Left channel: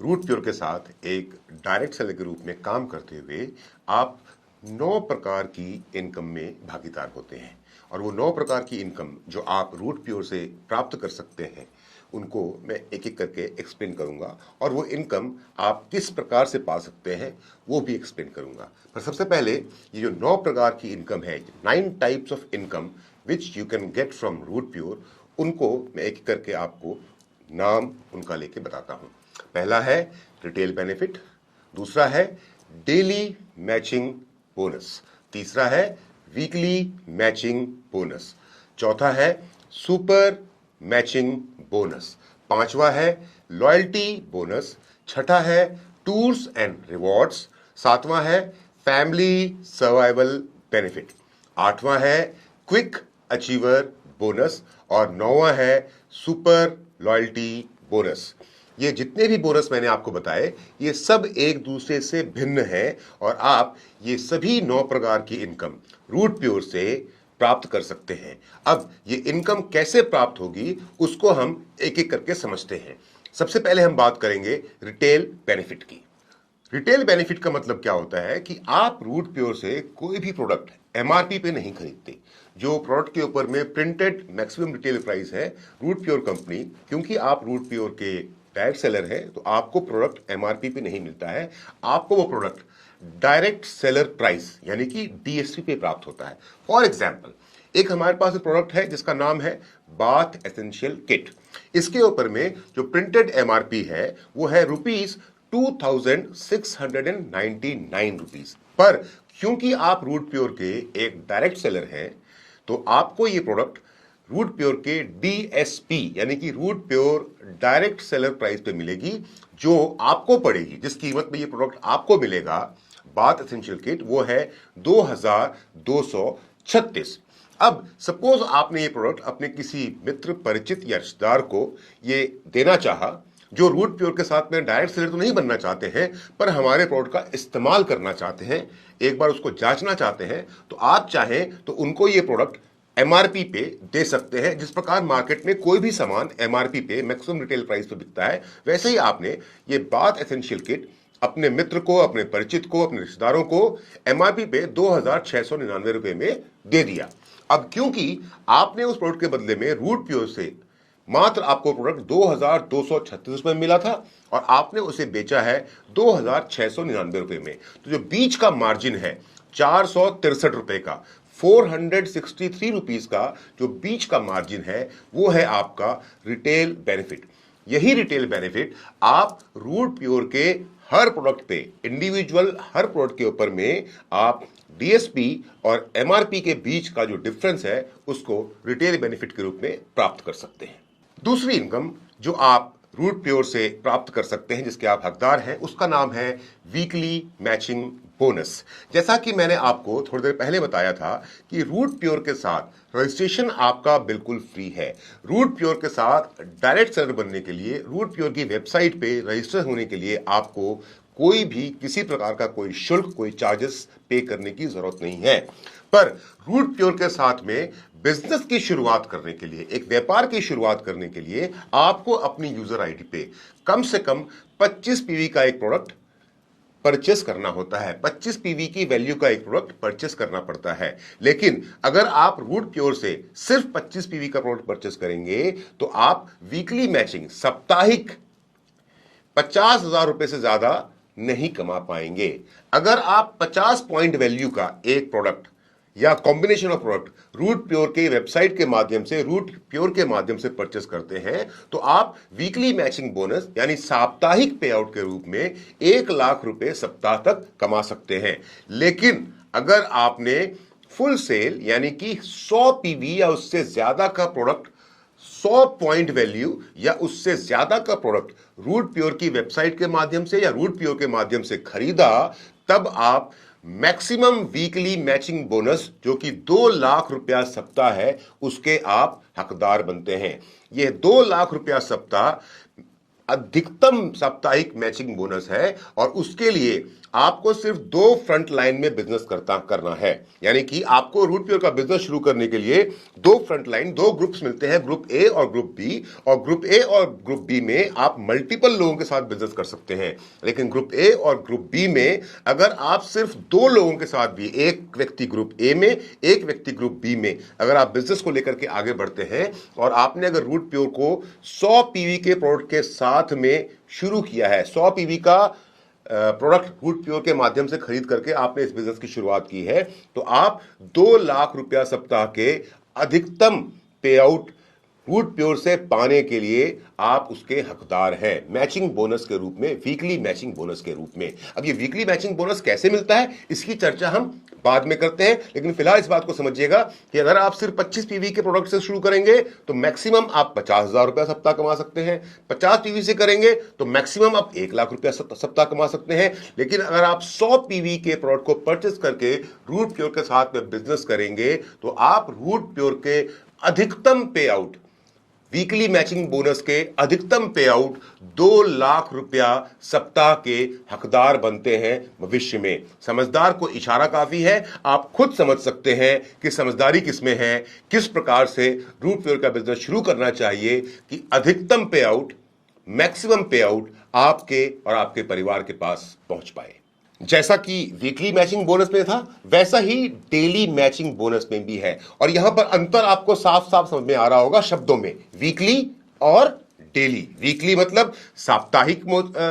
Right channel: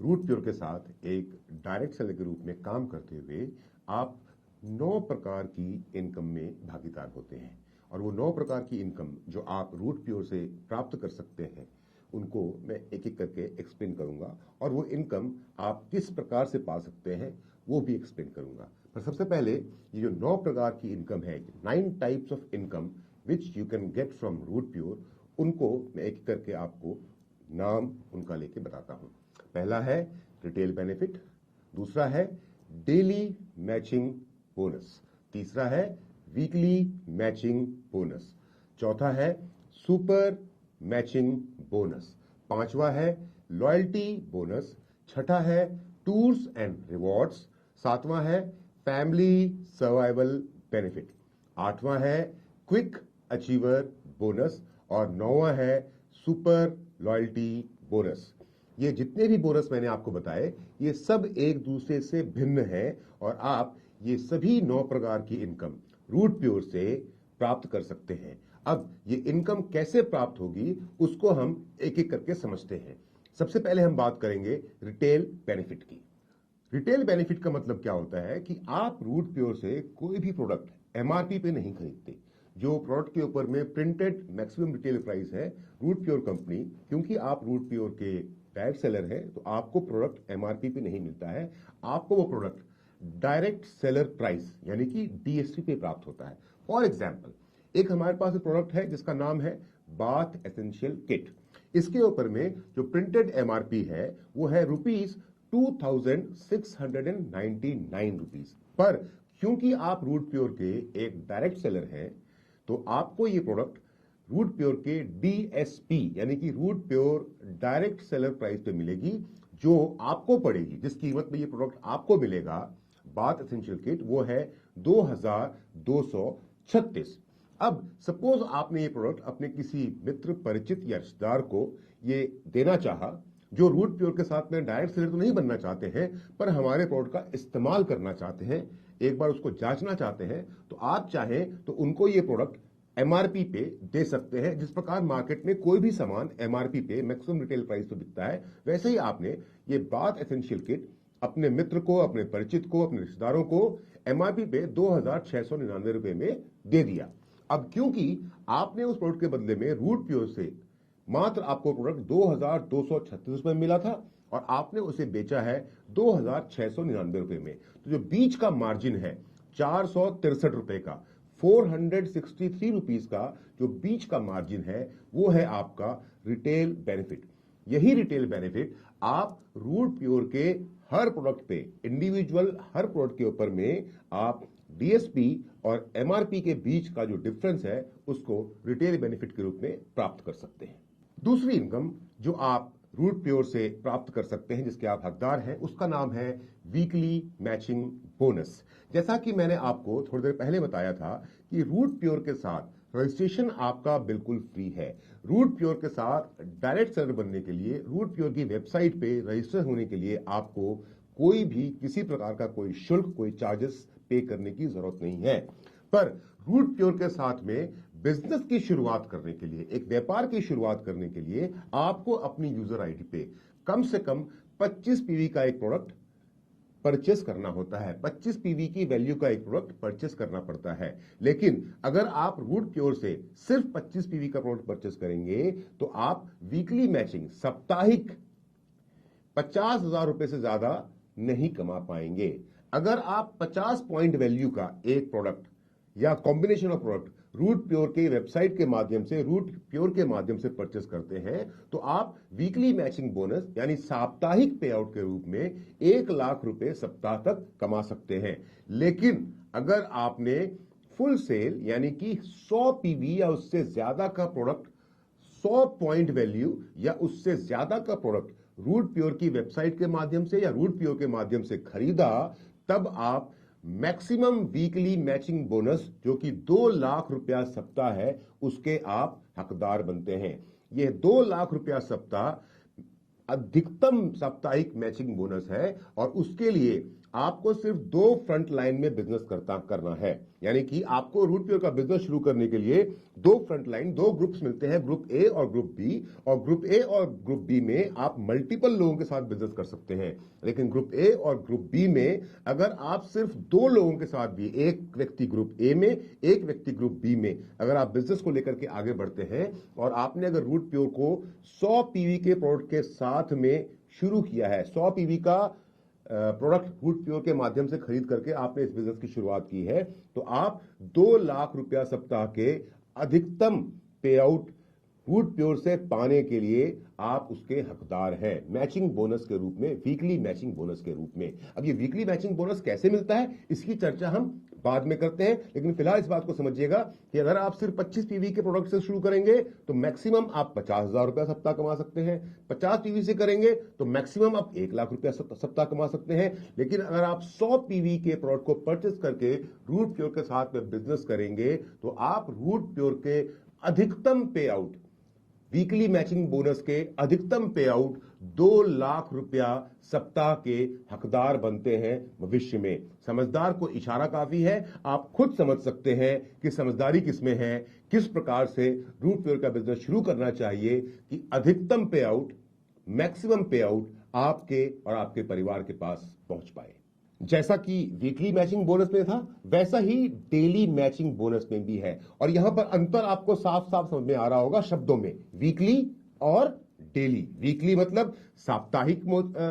Root Pure के साथ एक डायरेक्ट सेलर के रूप में काम करते हुए आप 9 प्रकार की इनकम में भागीदार होते हैं और वो 9 प्रकार की इनकम जो आप रूट प्योर से प्राप्त कर सकते हैं उनको मैं एक एक करके एक्सप्लेन करूंगा और वो इनकम आप किस प्रकार से पा सकते हैं वो भी एक्सप्लेन करूंगा। पर सबसे पहले ये जो 9 प्रकार की इनकम है, 9 types of income which you can get from Root Pure, उनको मैं एक एक करके आपको नाम उनका लेके बताता हूं। पहला है रिटेल बेनिफिट, दूसरा है डेली मैचिंग बोनस, तीसरा है वीकली मैचिंग बोनस, चौथा है सुपर मैचिंग बोनस, पांचवा है लॉयल्टी बोनस, छठा है टूर्स एंड रिवॉर्ड्स, सातवां है फैमिली सर्वाइवल बेनिफिट, आठवां है क्विक अचीवर बोनस और नौवां है सुपर लॉयल्टी बोनस। ये जितने भी बोनस मैंने आपको बताए ये सब एक दूसरे से भिन्न हैं और आप ये सभी 9 प्रकार की इनकम रूट प्योर से प्राप्त कर सकते हैं। अब ये इनकम कैसे प्राप्त होगी उसको हम एक एक करके समझते हैं। सबसे पहले हम बात करेंगे रिटेल बेनिफिट की। रिटेल बेनिफिट का मतलब क्या होता है कि आप रूट प्योर से कोई भी प्रोडक्ट एमआरपी पे नहीं खरीदते। जो प्रोडक्ट के ऊपर में प्रिंटेड मैक्सिमम रिटेल प्राइस है, रूट प्योर कंपनी, क्योंकि आप रूट प्योर के डायरेक्ट सेलर है तो आपको प्रोडक्ट एमआरपी पे नहीं मिलता है, आपको वो प्रोडक्ट डायरेक्ट सेलर प्राइस यानी कि डीएसपी पे प्राप्त होता है। फॉर एग्जांपल, एक हमारे पास प्रोडक्ट है जिसका नाम है बाथ एसेंशियल किट। इसके ऊपर में जो प्रिंटेड एमआरपी है वो है ₹2699, पर क्योंकि आप रूट प्योर के एक डायरेक्ट सेलर हैं तो आपको ये प्रोडक्ट रूट प्योर के डीएसपी यानी कि Root Pure direct seller price पे मिलेगी, जो आपको पड़ेगी, जिस कीमत में ये प्रोडक्ट आपको मिलेगा बाथ एसेंशियल किट, वो है 2236। अब सपोज आपने ये प्रोडक्ट अपने किसी मित्र, परिचित या रिश्तेदार को ये देना चाहा जो रूट प्योर के साथ में डायरेक्ट सेलर तो नहीं बनना चाहते हैं पर हमारे प्रोडक्ट का इस्तेमाल करना चाहते हैं, एक बार उसको जांचना चाहते हैं, तो आप चाहें तो उनको ये प्रोडक्ट एमआरपी पे दे सकते हैं। जिस प्रकार मार्केट में कोई भी सामान एमआरपी पे मैक्सिमम रिटेल प्राइस पे बिकता है, वैसे ही आपने ये बाथ एसेंशियल किट अपने मित्र को, अपने परिचित को, अपने रिश्तेदारों को एमआरपी पे 2699 रुपए में दे दिया। अब क्योंकि आपने उस प्रोडक्ट के बदले में रूट प्योर से मात्र आपको प्रोडक्ट 2236 रुपए में मिला था और आपने उसे बेचा है 2699 रुपए में, तो जो बीच का मार्जिन है 463 रुपए का, 463 रुपीज का जो बीच का मार्जिन है वो है आपका रिटेल बेनिफिट। यही रिटेल बेनिफिट आप रूट प्योर के हर प्रोडक्ट पे, इंडिविजुअल हर प्रोडक्ट के ऊपर में आप डीएसपी और एमआरपी के बीच का जो डिफरेंस है उसको रिटेल बेनिफिट के रूप में प्राप्त कर सकते हैं। दूसरी इनकम जो आप रूट प्योर से प्राप्त कर सकते हैं, जिसके आप हकदार हैं, उसका नाम है वीकली मैचिंग बोनस। जैसा कि मैंने आपको थोड़ी देर पहले बताया था कि रूट प्योर के साथ रजिस्ट्रेशन आपका बिल्कुल फ्री है। रूट प्योर के साथ डायरेक्ट सेलर बनने के लिए, रूट प्योर की वेबसाइट पे रजिस्टर होने के लिए आपको कोई भी किसी प्रकार का कोई शुल्क, कोई चार्जेस पे करने की जरूरत नहीं है। पर रूट प्योर के साथ में बिजनेस की शुरुआत करने के लिए, एक व्यापार की शुरुआत करने के लिए आपको अपनी यूजर आईडी पे कम से कम 25 पीवी का एक प्रोडक्ट परचेस करना होता है। 25 पीवी की वैल्यू का एक प्रोडक्ट परचेस करना पड़ता है। लेकिन अगर आप रूट प्योर से सिर्फ 25 पीवी का प्रोडक्ट परचेस करेंगे तो आप वीकली मैचिंग, साप्ताहिक 50,000 रुपए से ज्यादा नहीं कमा पाएंगे। अगर आप 50 पॉइंट वैल्यू का एक प्रोडक्ट या combination of product Root Pure के वेबसाइट के माध्यम से, रूट प्योर के माध्यम से परचेस करते हैं तो आप वीकली मैचिंग बोनस यानी साप्ताहिक पे आउट के रूप में 1 लाख रुपए सप्ताह तक कमा सकते हैं। लेकिन अगर आपने फुल सेल यानी कि 100 पीवी या उससे ज्यादा का प्रोडक्ट, 100 पॉइंट वैल्यू या उससे ज्यादा का प्रोडक्ट रूट प्योर की वेबसाइट के माध्यम से या रूट प्योर के माध्यम से खरीदा, तब आप मैक्सिमम वीकली मैचिंग बोनस जो कि 2 लाख रुपया सप्ताह है उसके आप हकदार बनते हैं। यह 2 लाख रुपया सप्ताह अधिकतम साप्ताहिक मैचिंग बोनस है और उसके लिए आपको सिर्फ 2 फ्रंट लाइन में बिजनेस करना है। यानी कि आपको रूट प्योर का बिजनेस शुरू करने के लिए 2 फ्रंट लाइन, 2 ग्रुप्स मिलते हैं, ग्रुप ए और ग्रुप बी। और ग्रुप ए और ग्रुप बी में आप मल्टीपल लोगों के साथ बिजनेस कर सकते हैं, लेकिन ग्रुप ए और ग्रुप बी में अगर आप सिर्फ 2 लोगों के साथ भी, एक व्यक्ति ग्रुप ए में, एक व्यक्ति ग्रुप बी में, अगर आप बिजनेस को लेकर के आगे बढ़ते हैं और आपने अगर रूट प्योर को 100 पीवी के प्रोडक्ट के साथ में शुरू किया है, 100 पीवी का प्रोडक्ट रूट प्योर के माध्यम से खरीद करके आपने इस बिजनेस की शुरुआत की है, तो आप 2 लाख रुपया सप्ताह के अधिकतम पे आउट रूट प्योर से पाने के लिए आप उसके हकदार हैं, मैचिंग बोनस के रूप में, वीकली मैचिंग बोनस के रूप में। अब ये वीकली मैचिंग बोनस कैसे मिलता है इसकी चर्चा हम बाद में करते हैं, लेकिन फिलहाल इस बात को समझिएगा कि अगर आप सिर्फ 25 पीवी के प्रोडक्ट से शुरू करेंगे तो मैक्सिमम आप 50,000 रुपया सप्ताह कमा सकते हैं। 50 पीवी से करेंगे तो मैक्सिमम आप 1 लाख रुपया सप्ताह कमा सकते हैं। लेकिन अगर आप 100 पीवी के प्रोडक्ट को परचेस करके रूट प्योर के साथ में बिजनेस करेंगे तो आप रूट प्योर के अधिकतम पे आउट, वीकली मैचिंग बोनस के अधिकतम पे आउट 2 लाख रुपया सप्ताह के हकदार बनते हैं भविष्य में। समझदार को इशारा काफी है, आप खुद समझ सकते हैं कि समझदारी किसमें है, किस प्रकार से रूट प्योर का बिजनेस शुरू करना चाहिए कि अधिकतम पे आउट, मैक्सिमम पे आउट आपके और आपके परिवार के पास पहुंच पाए। जैसा कि वीकली मैचिंग बोनस में था वैसा ही डेली मैचिंग बोनस में भी है, और यहां पर अंतर आपको साफ साफ समझ में आ रहा होगा शब्दों में, वीकली और डेली। वीकली मतलब साप्ताहिक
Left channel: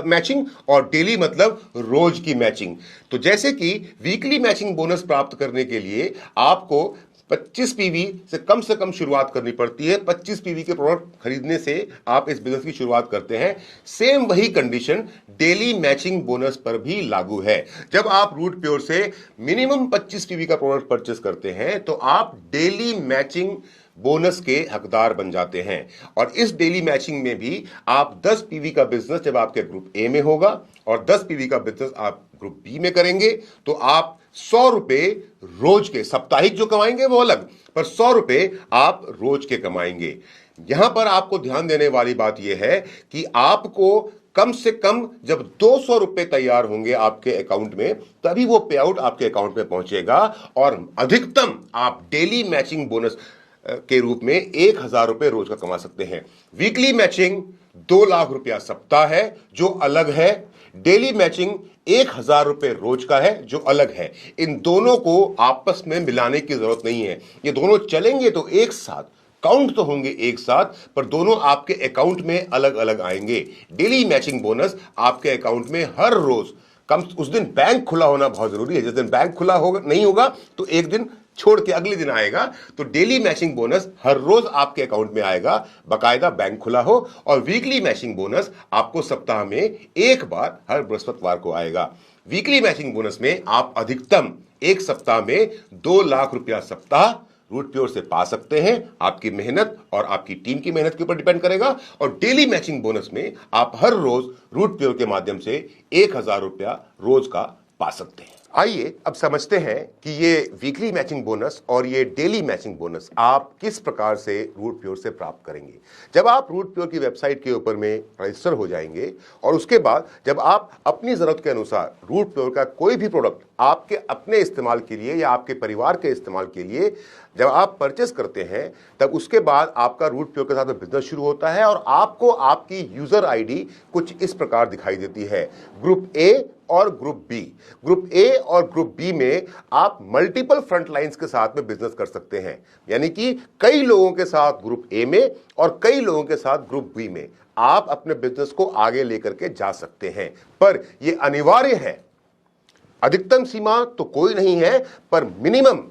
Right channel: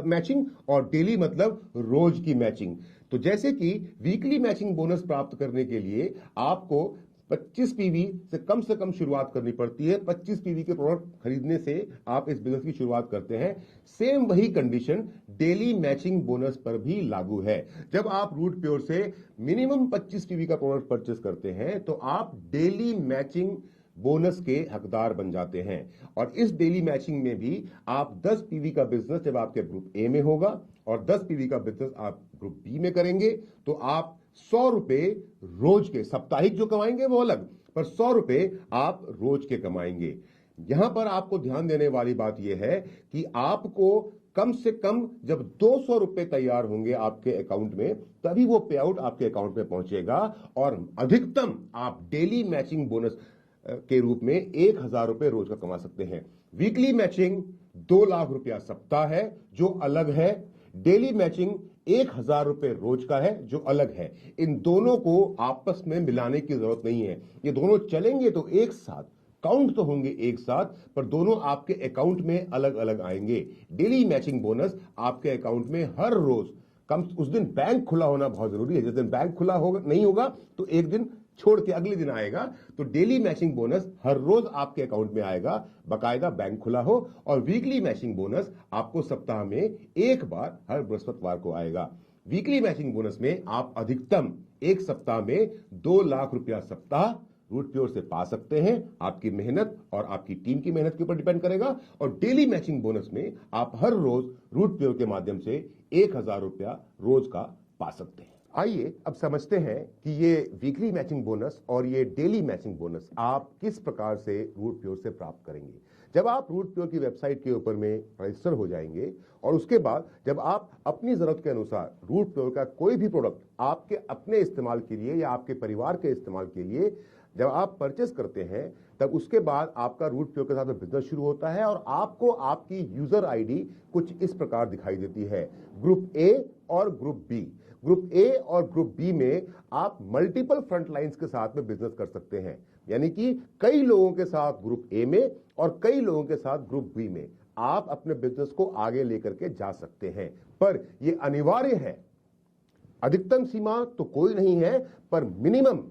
मैचिंग और डेली मतलब रोज की मैचिंग। तो जैसे कि वीकली मैचिंग बोनस प्राप्त करने के लिए आपको 25 पीवी से कम शुरुआत करनी पड़ती है। 25 पीवी के प्रोडक्ट खरीदने से आप इस बिजनेस की शुरुआत करते हैं। सेम वही कंडीशन डेली मैचिंग बोनस पर भी लागू है। जब आप रूट प्योर से मिनिमम 25 पीवी का प्रोडक्ट परचेस करते हैं तो आप डेली मैचिंग बोनस के हकदार बन जाते हैं। और इस डेली मैचिंग में भी आप 10 पीवी का बिजनेस जब आपके ग्रुप ए में होगा और 10 पीवी का बिजनेस आप ग्रुप बी में करेंगे तो आप 100 रुपए रोज के, साप्ताहिक जो कमाएंगे वो अलग, पर 100 रुपए आप रोज के कमाएंगे। यहां पर आपको ध्यान देने वाली बात यह है कि आपको कम से कम जब 200 रुपए तैयार होंगे आपके अकाउंट में तभी वो पे आउट आपके अकाउंट में पहुंचेगा, और अधिकतम आप डेली मैचिंग बोनस के रूप में 1,000 रुपए रोज का कमा सकते हैं। वीकली मैचिंग 2 लाख रुपया सप्ताह है जो अलग है, डेली मैचिंग 1,000 रुपए रोज का है जो अलग है। इन दोनों को आपस में मिलाने की जरूरत नहीं है, ये दोनों चलेंगे तो एक साथ, काउंट तो होंगे एक साथ, पर दोनों आपके अकाउंट में अलग अलग आएंगे। डेली मैचिंग बोनस आपके अकाउंट में हर रोज उस दिन बैंक खुला होना बहुत जरूरी है। जिस दिन बैंक खुला होगा नहीं होगा तो एक दिन छोड़ के अगले दिन आएगा, तो डेली मैचिंग बोनस हर रोज आपके अकाउंट में आएगा, बकायदा बैंक खुला हो। और वीकली मैचिंग बोनस आपको सप्ताह में एक बार हर बृहस्पतिवार को आएगा। वीकली मैचिंग बोनस में आप अधिकतम एक सप्ताह में 2 लाख रुपया सप्ताह रूट प्योर से पा सकते हैं। आपकी मेहनत और आपकी टीम की मेहनत के ऊपर डिपेंड करेगा। और डेली मैचिंग बोनस में आप हर रोज रूट प्योर के माध्यम से 1,000 रुपया रोज का पा सकते हैं। आइए अब समझते हैं कि ये वीकली मैचिंग बोनस और ये डेली मैचिंग बोनस आप किस प्रकार से रूट प्योर से प्राप्त करेंगे। जब आप रूट प्योर की वेबसाइट के ऊपर में रजिस्टर हो जाएंगे और उसके बाद जब आप अपनी ज़रूरत के अनुसार रूट प्योर का कोई भी प्रोडक्ट आपके अपने इस्तेमाल के लिए या आपके परिवार के इस्तेमाल के लिए जब आप परचेस करते हैं, तब उसके बाद आपका रूट प्योर के साथ बिजनेस शुरू होता है और आपको आपकी यूजर आईडी कुछ इस प्रकार दिखाई देती है। ग्रुप ए और ग्रुप बी। ग्रुप ए और ग्रुप बी में आप मल्टीपल फ्रंट लाइंस के साथ में बिजनेस कर सकते हैं, यानी कि कई लोगों के साथ ग्रुप ए में और कई लोगों के साथ ग्रुप बी में आप अपने बिजनेस को आगे लेकर के जा सकते हैं। पर यह अनिवार्य है, अधिकतम सीमा तो कोई नहीं है, पर मिनिमम,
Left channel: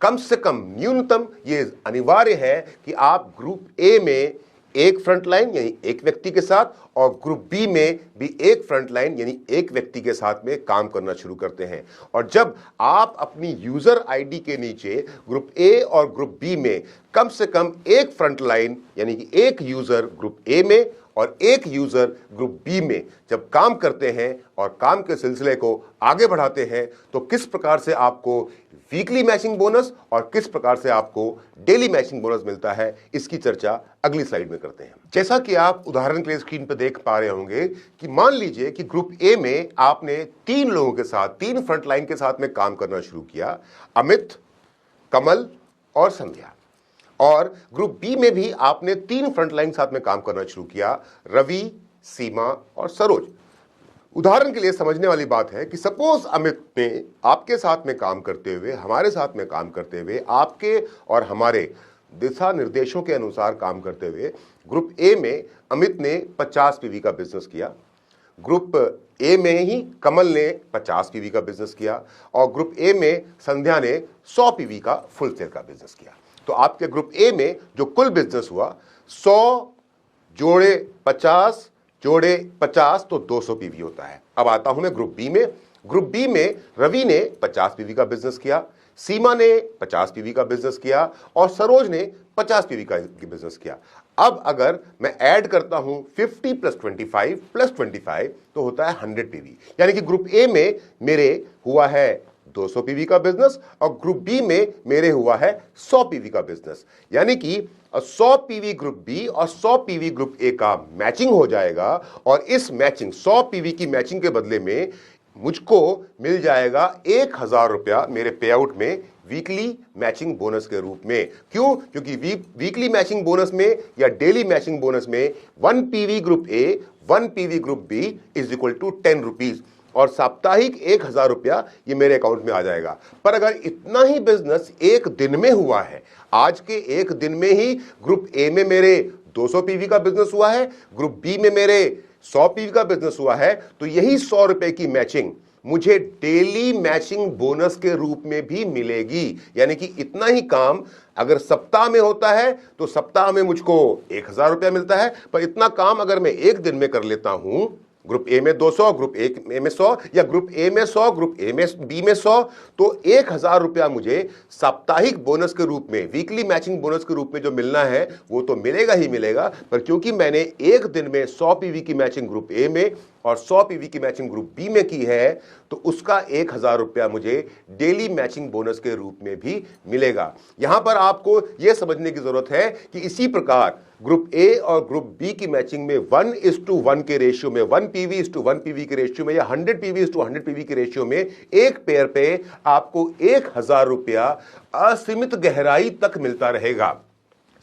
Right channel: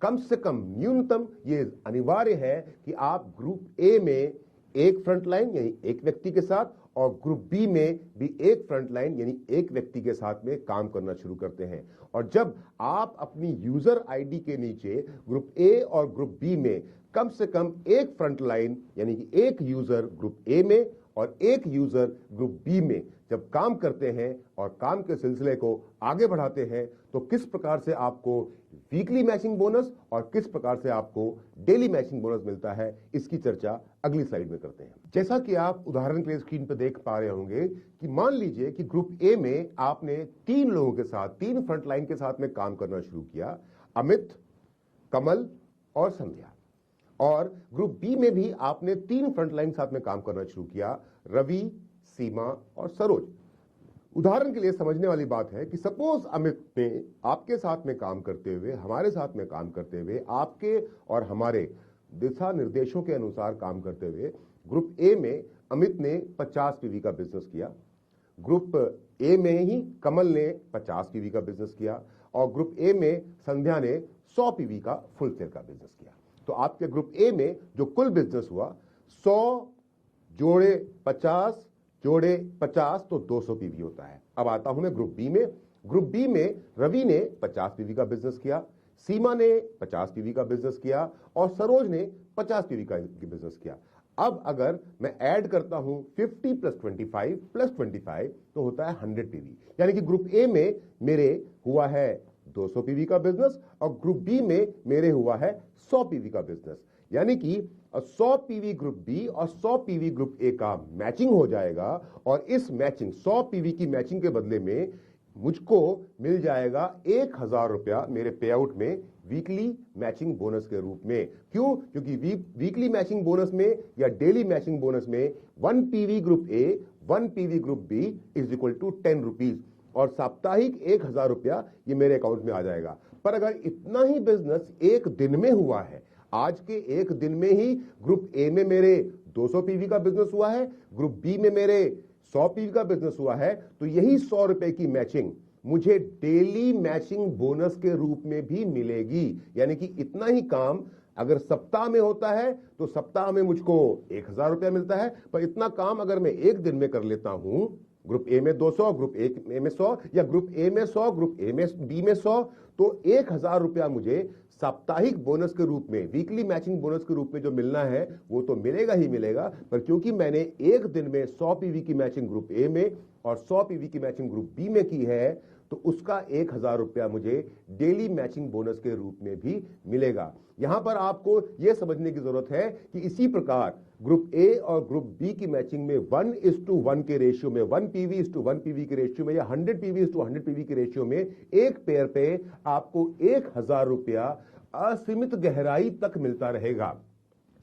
कम से कम, न्यूनतम ये अनिवार्य है कि आप ग्रुप ए में एक फ्रंट लाइन यानी एक व्यक्ति के साथ और ग्रुप बी में भी एक फ्रंट लाइन यानी एक व्यक्ति के साथ में काम करना शुरू करते हैं। और जब आप अपनी यूजर आईडी के नीचे ग्रुप ए और ग्रुप बी में कम से कम एक फ्रंट लाइन यानी कि एक यूजर ग्रुप ए में और एक यूजर ग्रुप बी में जब काम करते हैं और काम के सिलसिले को आगे बढ़ाते हैं तो किस प्रकार से आपको वीकली मैचिंग बोनस और किस प्रकार से आपको डेली मैचिंग बोनस मिलता है, इसकी चर्चा अगली स्लाइड में करते हैं। जैसा कि आप उदाहरण के लिए स्क्रीन पर देख पा रहे होंगे कि मान लीजिए कि ग्रुप ए में आपने 3 लोगों के साथ, 3 फ्रंटलाइन के साथ में काम करना शुरू किया, अमित, कमल और संध्या। और ग्रुप बी में भी आपने 3 फ्रंटलाइन साथ में काम करना शुरू किया, रवि, सीमा और सरोज। उदाहरण के लिए समझने वाली बात है कि सपोज अमित ने आपके साथ में काम करते हुए, हमारे साथ में काम करते हुए, आपके और हमारे दिशा निर्देशों के अनुसार काम करते हुए ग्रुप ए में अमित ने 50 पीवी का बिजनेस किया, ग्रुप ए में ही कमल ने 50 पीवी का बिजनेस किया और ग्रुप ए में संध्या ने 100 पीवी का फुल सेल का बिजनेस किया। तो आपके ग्रुप ए में जो कुल बिजनेस हुआ 100 जोड़े 50 जोड़े 50 तो 200 पीवी होता है। अब आता हूं मैं ग्रुप बी में। ग्रुप बी में रवि ने 50 पीवी का बिजनेस किया, सीमा ने 50 पीवी का बिजनेस किया और सरोज ने 50 पीवी का बिजनेस किया। अब अगर मैं ऐड करता हूं 50 + 25 + 25 तो होता है 100 पीवी। यानी कि ग्रुप ए में मेरे हुआ है 200 पीवी का बिजनेस और ग्रुप बी में मेरे हुआ है 100 पीवी का बिजनेस। यानी कि 100 पीवी ग्रुप बी और 100 पीवी ग्रुप ए का मैचिंग हो जाएगा और इस मैचिंग 100 पीवी की मैचिंग के बदले में मुझको मिल जाएगा 1000 रुपया मेरे पे आउट में वीकली मैचिंग बोनस के रूप में। क्यों? क्योंकि वीकली मैचिंग बोनस में या डेली मैचिंग बोनस में 1 PV group A 1 PV group B = 10 rupees और साप्ताहिक 1000 रुपया ये मेरे अकाउंट में आ जाएगा। पर अगर इतना ही बिजनेस एक दिन में हुआ है, आज के एक दिन में ही ग्रुप ए में मेरे 200 पीवी का बिजनेस हुआ है, ग्रुप बी में मेरे 100 पीवी का बिजनेस हुआ है, तो यही 100 रुपए की मैचिंग मुझे डेली मैचिंग बोनस के रूप में भी मिलेगी। यानी कि इतना ही काम अगर सप्ताह में होता है तो सप्ताह में मुझको 1000 रुपया मिलता है, पर इतना काम अगर मैं एक दिन में कर लेता हूं, ग्रुप ए में 200, ग्रुप ए में 100 या ग्रुप ए में 100, ग्रुप ए में बी में 100, तो 1000 रुपया मुझे साप्ताहिक बोनस के रूप में, वीकली मैचिंग बोनस के रूप में जो मिलना है वो तो मिलेगा ही मिलेगा। पर क्योंकि मैंने एक दिन में 100 पीवी की मैचिंग ग्रुप ए में और 100 पीवी की मैचिंग ग्रुप बी में की है तो उसका 1000 रुपया मुझे डेली मैचिंग बोनस के रूप में भी मिलेगा। यहां पर आपको यह समझने की जरूरत है कि इसी प्रकार ग्रुप ए और ग्रुप बी की मैचिंग में 1:1 के रेशियो में, 1 पीवी 1 पीवी के रेशियो में या 100 पीवी 100 पीवी के रेशियो में एक पेयर पे आपको 1000 रुपया असीमित गहराई तक मिलता रहेगा।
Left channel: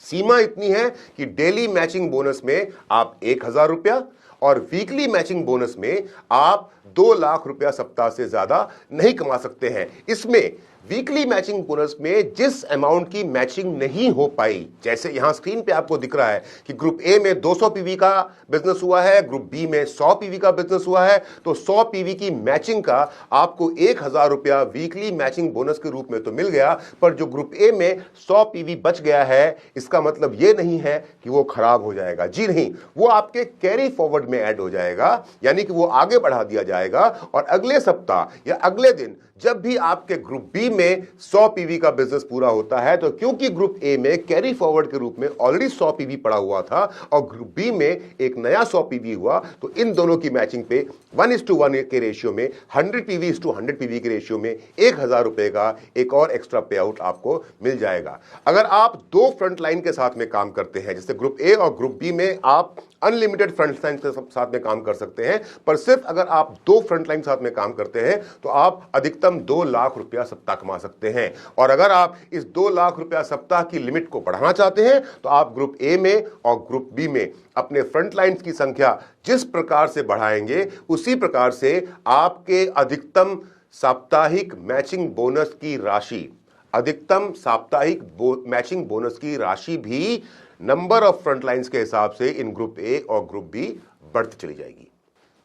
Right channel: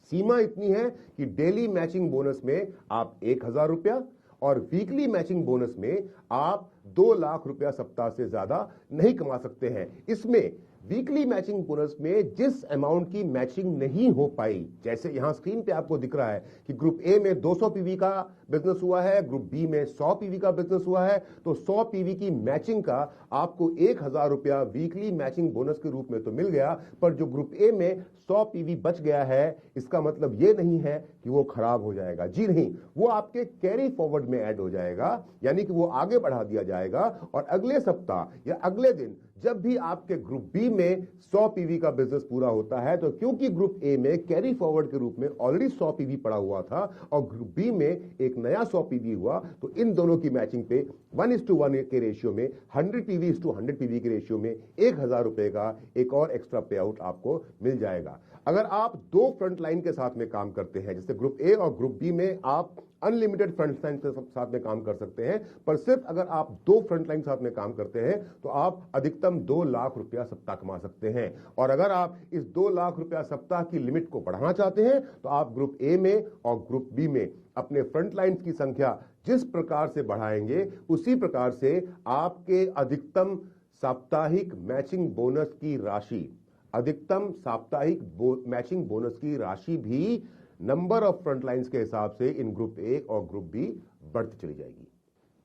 सीमा इतनी है कि डेली मैचिंग बोनस में आप 1000 रुपया और वीकली मैचिंग बोनस में आप 2 लाख रुपया सप्ताह से ज्यादा नहीं कमा सकते हैं। इसमें वीकली मैचिंग बोनस में जिस अमाउंट की मैचिंग नहीं हो पाई, जैसे यहां स्क्रीन पे आपको दिख रहा है कि ग्रुप ए में 200 पीवी का बिजनेस हुआ है, ग्रुप बी में 100 पीवी का बिजनेस हुआ है, तो 100 पीवी की मैचिंग का आपको 1000 रुपया वीकली मैचिंग बोनस के रूप में तो मिल गया, पर जो ग्रुप ए में 100 पीवी बच गया है, इसका मतलब यह नहीं है कि वो खराब हो जाएगा। जी नहीं, वो आपके कैरी फॉरवर्ड में ऐड हो जाएगा, यानी कि वो आगे बढ़ा दिया जाएगा और अगले सप्ताह या अगले दिन जब भी आपके ग्रुप बी में 100 पीवी का बिजनेस पूरा होता है, तो क्योंकि ग्रुप ए में कैरी फॉरवर्ड के रूप में ऑलरेडी 100 पीवी पड़ा हुआ था और ग्रुप बी में एक नया 100 पीवी हुआ, तो इन दोनों की मैचिंग पे 1:1 के रेशियो में, 100 पीवी 100 पीवी के रेशियो में 1000 रुपए का एक और एक्स्ट्रा पे आउट आपको मिल जाएगा। अगर आप 2 फ्रंट लाइन के साथ में काम करते हैं, जैसे ग्रुप ए और ग्रुप बी में आप अनलिमिटेड फ्रंट लाइन के साथ में काम कर सकते हैं, पर सिर्फ अगर आप 2 फ्रंट लाइन साथ में काम करते हैं तो आप अधिकतम 2 लाख रुपया सप्ताह कमा सकते हैं। और अगर आप इस 2 लाख रुपया सप्ताह की लिमिट को बढ़ाना चाहते हैं तो आप ग्रुप ए में और ग्रुप बी में अपने फ्रंट लाइन्स की संख्या जिस प्रकार से बढ़ाएंगे, उसी प्रकार से आपके अधिकतम साप्ताहिक मैचिंग बोनस की राशि, अधिकतम साप्ताहिक मैचिंग बोनस की राशि भी नंबर ऑफ फ्रंट लाइन्स के हिसाब से इन ग्रुप ए और ग्रुप बी बढ़ती चली जाएगी।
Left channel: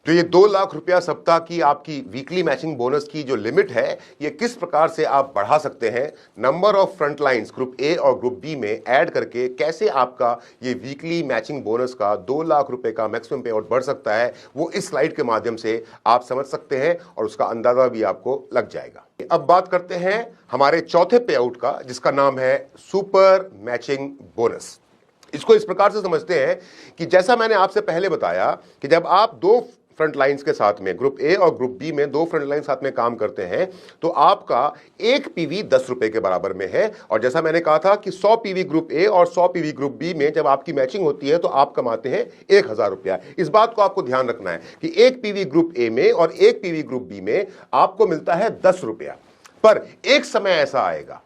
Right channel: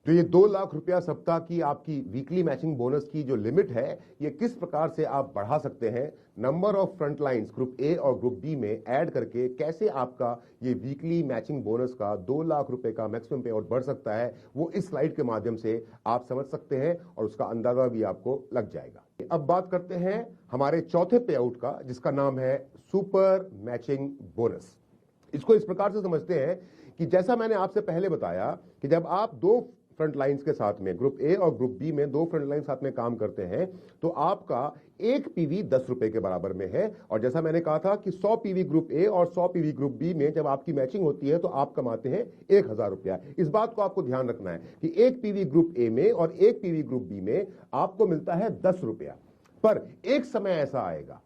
तो ये 2 लाख रुपया सप्ताह की आपकी वीकली मैचिंग बोनस की जो लिमिट है, ये किस प्रकार से आप बढ़ा सकते हैं, number of front lines group A और ग्रुप बी में ऐड करके कैसे आपका ये वीकली मैचिंग बोनस का 2 लाख रुपए का मैक्सिमम पे आउट बढ़ सकता है, वो इस स्लाइड के माध्यम से आप समझ सकते हैं और उसका अंदाजा भी आपको लग जाएगा। अब बात करते हैं हमारे चौथे पे आउट का, जिसका नाम है सुपर मैचिंग बोनस। इसको इस प्रकार से समझते हैं कि जैसा मैंने आपसे पहले बताया कि जब आप दो फ्रंट लाइंस के साथ में, ग्रुप ए और ग्रुप बी में दो फ्रंट लाइन साथ में काम करते हैं, तो आपका एक पीवी 10 रुपए के बराबर में है। और जैसा मैंने कहा था कि 100 पीवी ग्रुप ए और 100 पीवी ग्रुप बी में जब आपकी मैचिंग होती है तो आप कमाते हैं 1000 रुपया। इस बात को आपको ध्यान रखना है कि एक पीवी ग्रुप ए में और एक पीवी ग्रुप बी में आपको मिलता है 10 रुपया। पर एक समय ऐसा आएगा,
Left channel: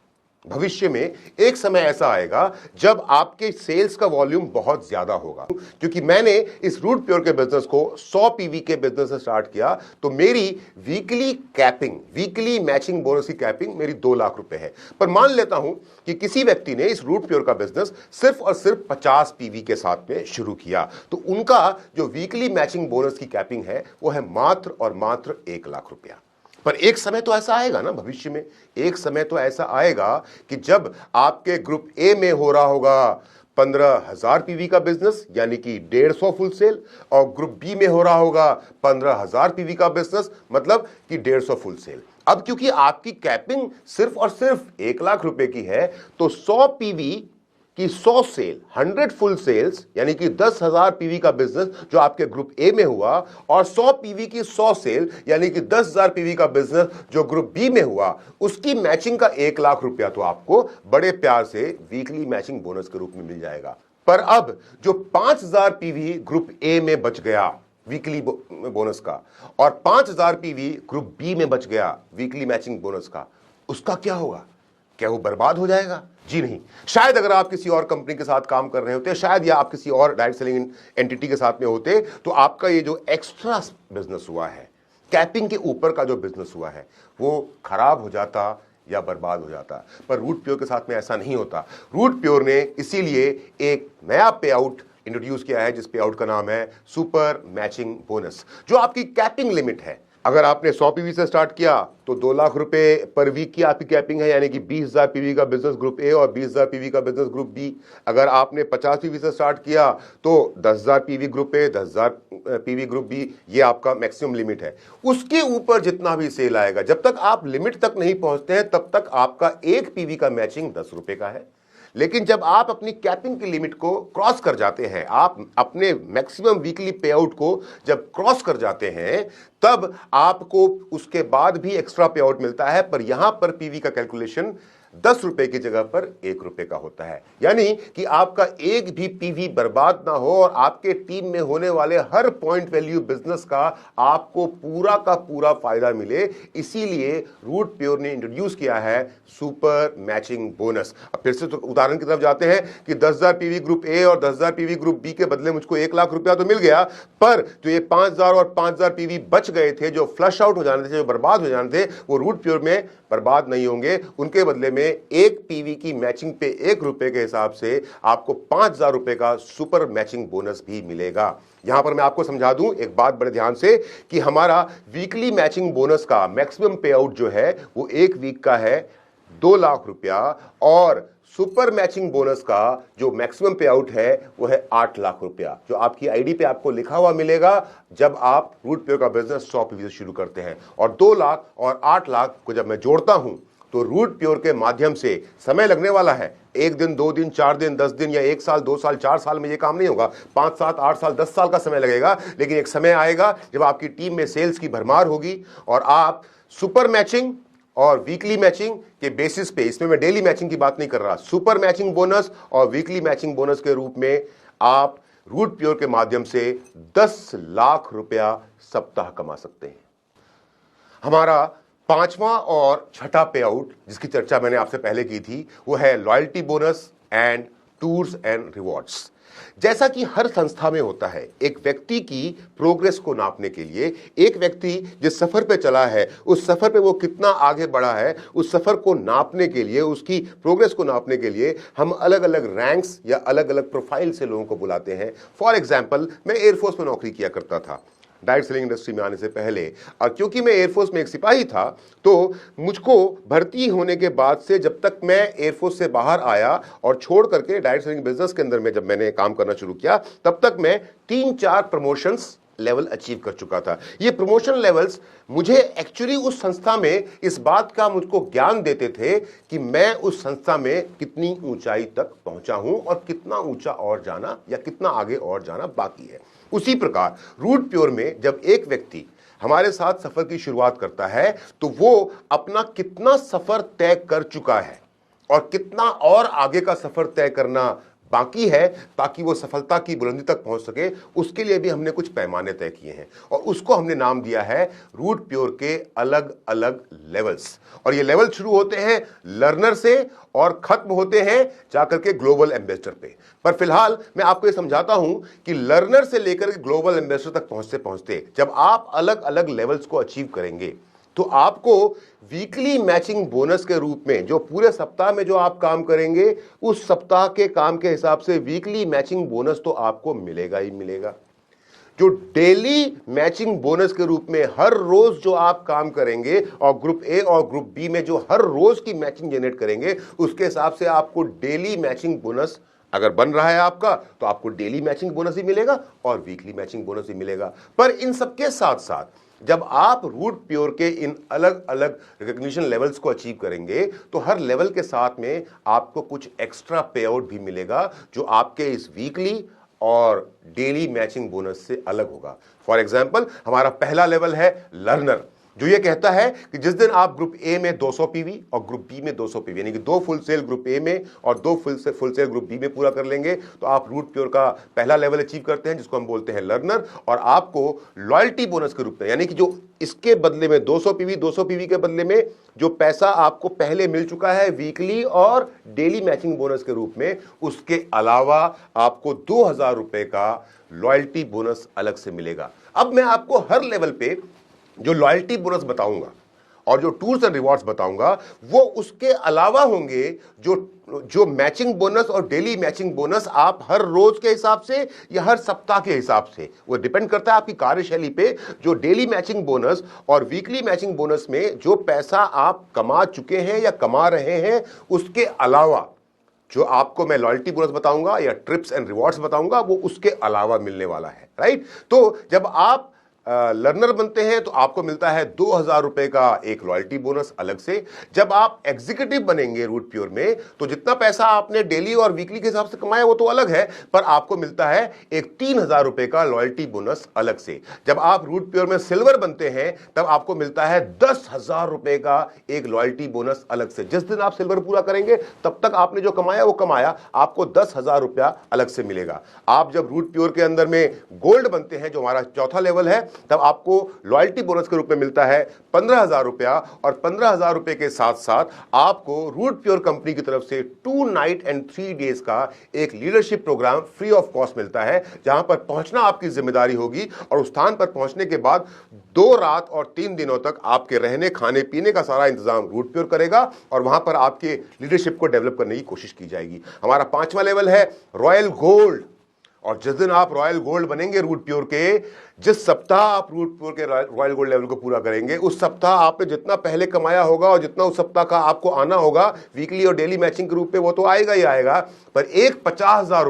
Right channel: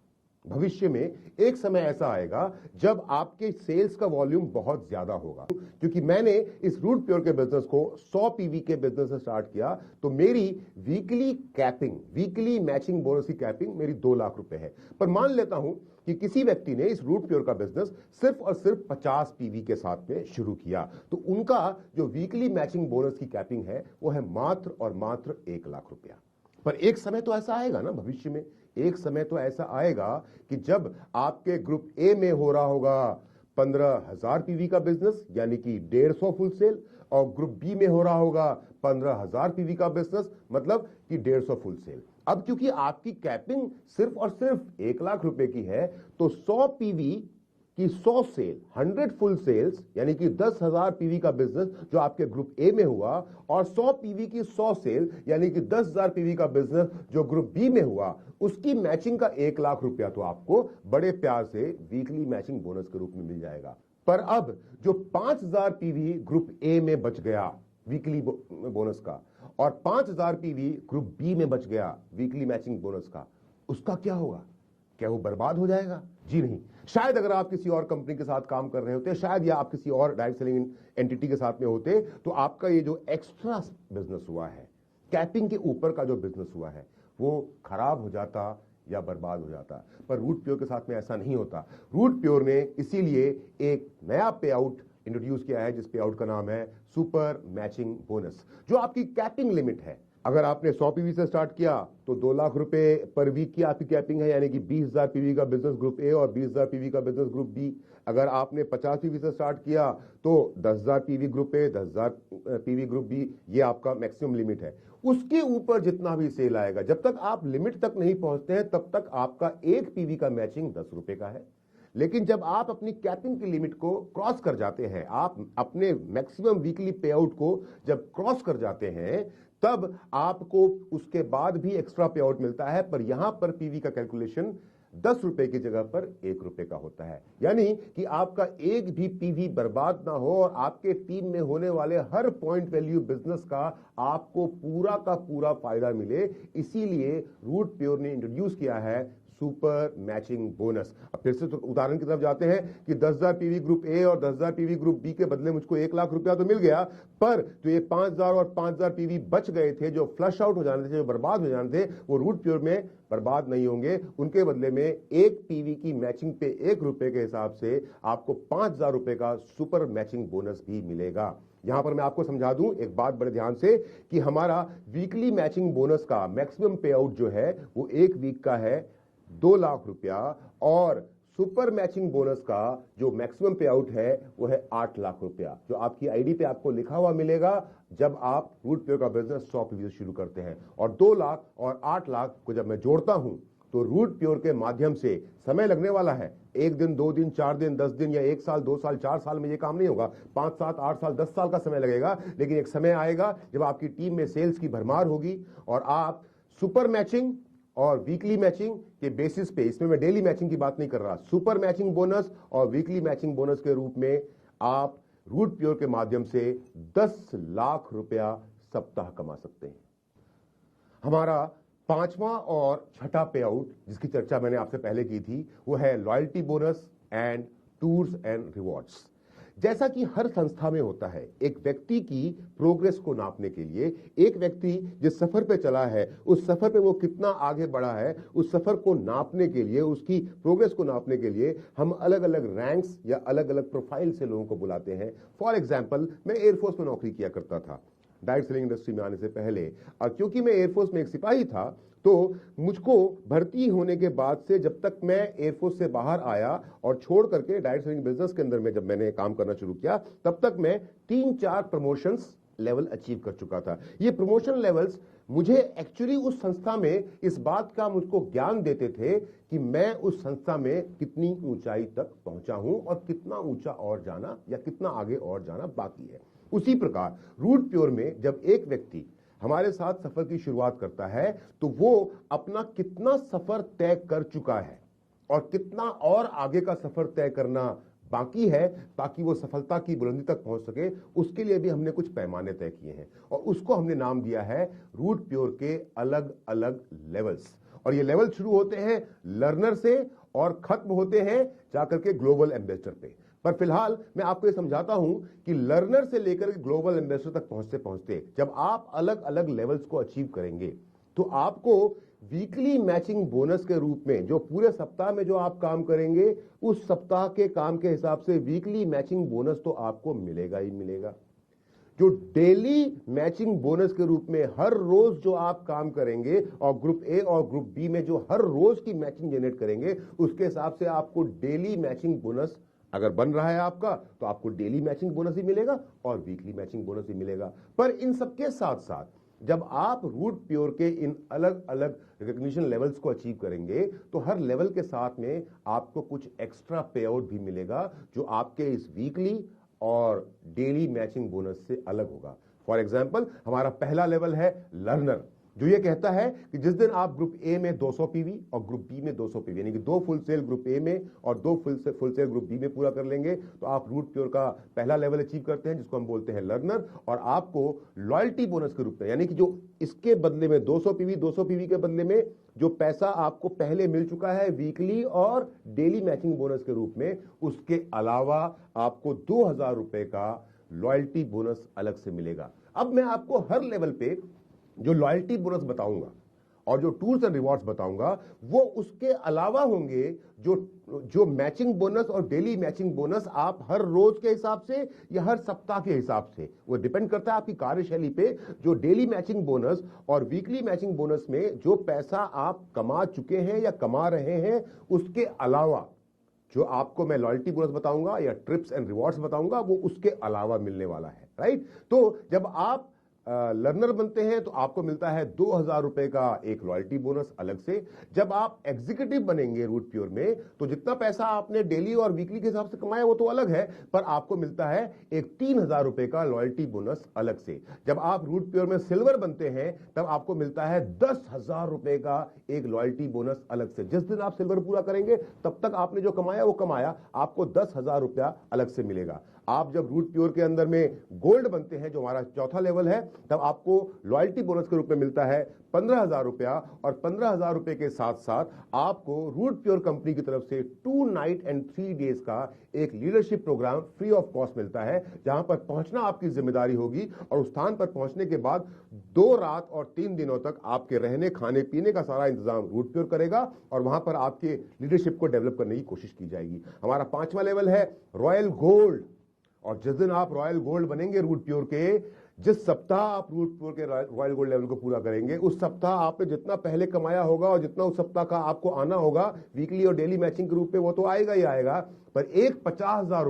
भविष्य में एक समय ऐसा आएगा जब आपके सेल्स का वॉल्यूम बहुत ज्यादा होगा। क्योंकि मैंने इस रूट प्योर के बिजनेस को 100 पीवी के बिजनेस से स्टार्ट किया, तो मेरी weekly capping, weekly matching bonus की कैपिंग मेरी 2 लाख रुपए है। पर मान लेता हूं कि किसी व्यक्ति ने इस रूट प्योर का बिजनेस सिर्फ और सिर्फ 50 पीवी के साथ में शुरू किया, तो उनका जो वीकली मैचिंग बोनस की कैपिंग है वो है मात्र और मात्र 1 लाख रुपया। पर एक समय तो ऐसा आएगा ना, भविष्य में एक समय तो ऐसा आएगा कि जब आपके ग्रुप ए में हो रहा होगा 15,000 पीवी का बिजनेस, यानी कि 150 फुल सेल, और ग्रुप बी में हो रहा होगा 15,000 पीवी का बिजनेस, मतलब कि 150 फुल सेल। अब क्योंकि आपकी कैपिंग सिर्फ और सिर्फ 1 लाख रुपए की है, तो 100 पीवी कि 100 सेल, 100 फुल सेल्स, यानी कि 10,000 पीवी का बिजनेस जो आपके ग्रुप ए में हुआ, और 100 पीवी की 100 सेल, यानी कि 10,000 पीवी का बिजनेस जो ग्रुप बी में हुआ, उसकी मैचिंग का 1 लाख रुपया तो आपको बड़े प्यार से वीकली मैचिंग बोनस के रूप में मिल जाएगा। पर अब जो 5,000 पीवी ग्रुप ए में बच गया वीकली बोनस का, और 5,000 पीवी ग्रुप बी में बच गया वीकली मैचिंग बोनस का, उसका क्या होगा? क्या वो बर्बाद हो जाएगा? जी नहीं। शायद अगर आप किसी और कंपनी के साथ काम कर रहे होते, शायद या आप किसी और डायरेक्ट सेलिंग एंटिटी के साथ में होते, तो आपका ये जो एक्स्ट्रा बिजनेस हुआ है, कैपिंग के ऊपर का जो बिजनेस हुआ है, वो खराब हो जाता या बर्बाद हो जाता। पर रूट प्योर के साथ में ऐसा नहीं होता। रूट प्योर ने इसीलिए एक नया पे आउट इंट्रोड्यूस किया है, जिस पे आउट का नाम है सुपर मैचिंग बोनस, जो आपकी कैपिंग लिमिट है। अगर आपने 100 पीवी से स्टार्ट किया तो 2 लाख रुपए पर वीक की आपकी कैपिंग है, यानी कि 20,000 पीवी का बिजनेस ग्रुप ए और 20,000 पीवी का बिजनेस ग्रुप बी। अगर आपने 50 पीवी से स्टार्ट किया तो 10,000 PV group A, 10,000 PV group B, ये आपका मैक्सिमम लिमिट है। उसके ऊपर जितना भी सेल आएगा, जब तक आप लिमिट तक नहीं पहुंचते हैं, तब तक आपका एक पीवी का मैचिंग 10 रुपए का है। लेकिन जब आप अपनी कैपिंग की लिमिट को क्रॉस कर जाते हैं, आप अपने मैक्सिमम वीकली पे आउट को जब क्रॉस कर जाते हैं, तब आपको उसके बाद भी एक्स्ट्रा पे आउट मिलता है। पर यहां पर पीवी का कैलकुलेशन 10 रुपए की जगह पर 1 रुपए का होता है, यानी कि आपका एक भी पीवी बर्बाद ना हो और आपके टीम में होने वाले हर पॉइंट वैल्यू बिजनेस का आपको पूरा का पूरा फायदा मिले। इसीलिए रूट प्योर ने इंट्रोड्यूस किया है सुपर मैचिंग बोनस। अब फिर से तो उदाहरण की तरफ जाते हैं कि 10,000 पीवी ग्रुप ए और 10,000 पीवी ग्रुप बी के बदले मुझको 1 लाख रुपया तो मिल गया, पर जो ये 5,000 और 5,000 पीवी बच गए थे, जो फ्लश आउट हो जाने थे, जो बर्बाद हो जाने थे, वो रूट प्योर में बर्बाद नहीं होंगे। उनके बदले में एक पीवी की मैचिंग पे 1 रुपए के हिसाब से आपको 5,000 रुपए का सुपर मैचिंग बोनस भी मिलेगा। यहां पर मैं आपको समझा दूं एक बात बड़े ध्यान से, कि हमारा वीकली मैचिंग बोनस का मैक्सिमम पे आउट जो है वो एक वीक का है 2 लाख रुपया, और सुपर मैचिंग बोनस का जो मैक्सिमम पे आउट है वो है 8 लाख रुपया, जो आपकी आईडी पे आपको लिखा हुआ मिलेगा जब आप रूट प्योर का बिजनेस 100 पीवी से शुरू करते हैं। और 2 लाख और 8 लाख को जब मैं जोड़ता हूं तो रूट प्योर के माध्यम से समय लगने वाला है। 1 दिन, 2 दिन, 4 दिन, 10 दिन, या 1 साल, 2 साल, 4 साल में ये काम नहीं होगा। 5, 7, 8 साल, 10 साल का समय लगेगा। लेकिन एक समय आएगा जब आपकी टीम में सेल्स की भरमार होगी और आप सुपर मैचिंग और वीकली मैचिंग के बेसिस पे, इसमें मैं डेली मैचिंग की बात नहीं कर रहा, सुपर मैचिंग बोनस और वीकली मैचिंग बोनस के रूप में आप रूट प्योर के माध्यम से 10 लाख रुपया सप्ताह कमा सकते हैं। हमारा 5वां और छठा पे आउट, जिसकी चर्चा मैंने आपसे पहले की थी, वो है loyalty bonus and tours and rewards. जैसा कि हर संस्था में होता है, एक व्यक्ति की प्रोग्रेस को नापने के लिए, एक व्यक्ति जिस सफर पे चला है, उस सफर पे वो कितना आगे बढ़ा है, उस सफर को नापने के लिए, उसकी प्रोग्रेस को नापने के लिए हम अलग अलग रैंक्स या अलग अलग प्रोफाइल से लोगों को बुलाते हैं। फॉर एग्जाम्पल, मैं एयरफोर्स में नौकरी किया करता था डायरेक्ट सेलिंग इंडस्ट्री में आने से पहले, और क्योंकि मैं एयरफोर्स में एक सिपाही था, तो मुझको भर्ती होने के बाद से जब तक मैं एयरफोर्स से बाहर आया और छोड़ करके डायरेक्ट सेलिंग बिजनेस के अंदर में जब मैंने काम करना शुरू किया, तब तक मैं 3-4 प्रमोशंस लेवल अचीव कर चुका था। ये प्रमोशन लेवल्स मुझे एक्चुअली उस संस्था में इस बात का मुझको ज्ञान देते थे कि मैं उस संस्था में कितनी ऊंचाई तक पहुंचा हूं और कितना ऊंचा और जाना या कितना आगे और जाना बाकी है। उसी प्रकार रूट प्योर में जब एक व्यक्ति हमारे साथ सफर की शुरुआत करता है तो वो अपना कितना सफर तय कर चुका है और कितना और आगे का सफर तय करना बाकी है ताकि वो सफलता की बुलंदी तक पहुंच सके, उसके लिए भी हमने कुछ पैमाने तय किए हैं और उसको हमने नाम दिया है रूट प्योर के अलग अलग लेवल्स। और ये लेवल शुरू होते हैं लर्नर से और खत्म होते हैं जाकर के ग्लोबल एम्बेसडर पे। पर फिलहाल मैं आपको ये समझाता हूं कि लर्नर से लेकर के ग्लोबल एम्बेसडर तक पहुंचते पहुंचते जब आप अलग अलग लेवल्स को अचीव करेंगे तो आपको वीकली मैचिंग बोनस के रूप में जो पूरे सप्ताह में जो आप काम करेंगे उस सप्ताह के काम के हिसाब से वीकली मैचिंग बोनस तो आपको मिलेगा ही मिलेगा। जो डेली मैचिंग बोनस के रूप में हर रोज जो आप काम करेंगे और ग्रुप ए और ग्रुप बी में जो हर रोज की मैचिंग जनरेट करेंगे उसके हिसाब से आपको डेली मैचिंग बोनस अगर बन रहा है आपका तो आपको डेली मैचिंग बोनस ही मिलेगा और वीकली मैचिंग बोनस ही मिलेगा। पर इन सबके साथ साथ जब आप रूट प्योर के इन अलग अलग रिकॉग्निशन लेवल्स को अचीव करेंगे तो हर लेवल के साथ में आपको कुछ एक्स्ट्रा पे आउट भी मिलेगा जो आपके इस वीकली और डेली मैचिंग बोनस से अलग होगा। फॉर एग्जाम्पल हमारा पहला लेवल है लर्नर, जो ये कहता है कि जिस दिन आप ग्रुप ए में 200 पीवी और ग्रुप बी में 200 पीवी यानी कि 2 फुल सेल ग्रुप ए में और 2 फुल सेल ग्रुप बी में पूरा कर लेंगे तो आप रूट प्योर का पहला लेवल अचीव करते हैं जिसको हम बोलते हैं लर्नर। और आपको लॉयल्टी बोनस के रूप में यानी कि जो इसके बदले में 200 पीवी के बदले में जो पैसा आपको पहले मिल चुका है वीकली और डेली मैचिंग बोनस के रूप में, उसके अलावा आपको 2000 रुपए का लॉयल्टी बोनस अलग से मिलेगा। अब मैं आपको हर लेवल पे जो लॉयल्टी बोनस बताऊंगा और जो टूर्स एंड रिवॉर्ड्स बताऊंगा वो उसके अलावा होंगे जो मैचिंग बोनस और डेली मैचिंग बोनस आप हर रोज के हिसाब से या हर सप्ताह के हिसाब से, वो डिपेंड करता है आपकी कार्यशैली पे। जो डेली मैचिंग बोनस और वीकली मैचिंग बोनस में जो पैसा आप कमा चुके हैं या कमा रहे हैं उसके अलावा जो आपको मैं लॉयल्टी बोनस बताऊंगा या ट्रिप्स एंड रिवॉर्ड्स बताऊंगा वो उसके अलावा मिलने वाला है, राइट। तो जब आप लर्नर बनते हैं तो आपको मिलता है 2000 रुपए का एक लॉयल्टी बोनस अलग से। जब आप एग्जीक्यूटिव बनेंगे रूट प्योर में तो जितना पैसा आपने डेली और वीकली के हिसाब से कमाया वो तो अलग है, पर आपको मिलता है एक 3000 रुपए का लॉयल्टी बोनस अलग से। जब आप रूट प्योर में सिल्वर बनते हैं तब आपको मिलता है 10,000 रुपए का एक लॉयल्टी बोनस अलग से। जिस दिन आप सिल्वर पूरा करेंगे तब तक आपने जो कमाया वो कमाया, आपको 10,000 रुपया अलग से मिलेगा। आप जब रूट प्योर के अंदर में गोल्ड बनते हैं जो हमारा चौथा लेवल है तब आपको लॉयल्टी बोनस के रूप में मिलता है 15,000 रुपया और 15,000 रुपए के साथ साथ आपको रूट प्योर कंपनी की तरफ से 2 नाइट एंड 3 डेज का एक leadership program free of cost मिलता है जहां पर पहुंचना आपकी जिम्मेदारी होगी और उस स्थान पर पहुंचने के बाद 2 रात और 3 दिनों तक आपके रहने खाने पीने का सारा इंतजाम रूट प्योर करेगा और वहां पर आपके लीडरशिप को डेवलप करने की कोशिश की जाएगी। हमारा 5वां लेवल है रॉयल गोल्ड और जिस दिन आप रॉयल गोल्ड बनेंगे रूट प्योर के, जिस सप्ताह आप रूट प्योर के रॉयल गोल्ड लेवल को पूरा करेंगे उस सप्ताह आपने जितना पहले कमाया होगा और जितना उस सप्ताह का आपको आना होगा वीकली और डेली मैचिंग के रूप में वो तो आएगा ही आएगा, पर एक 50,000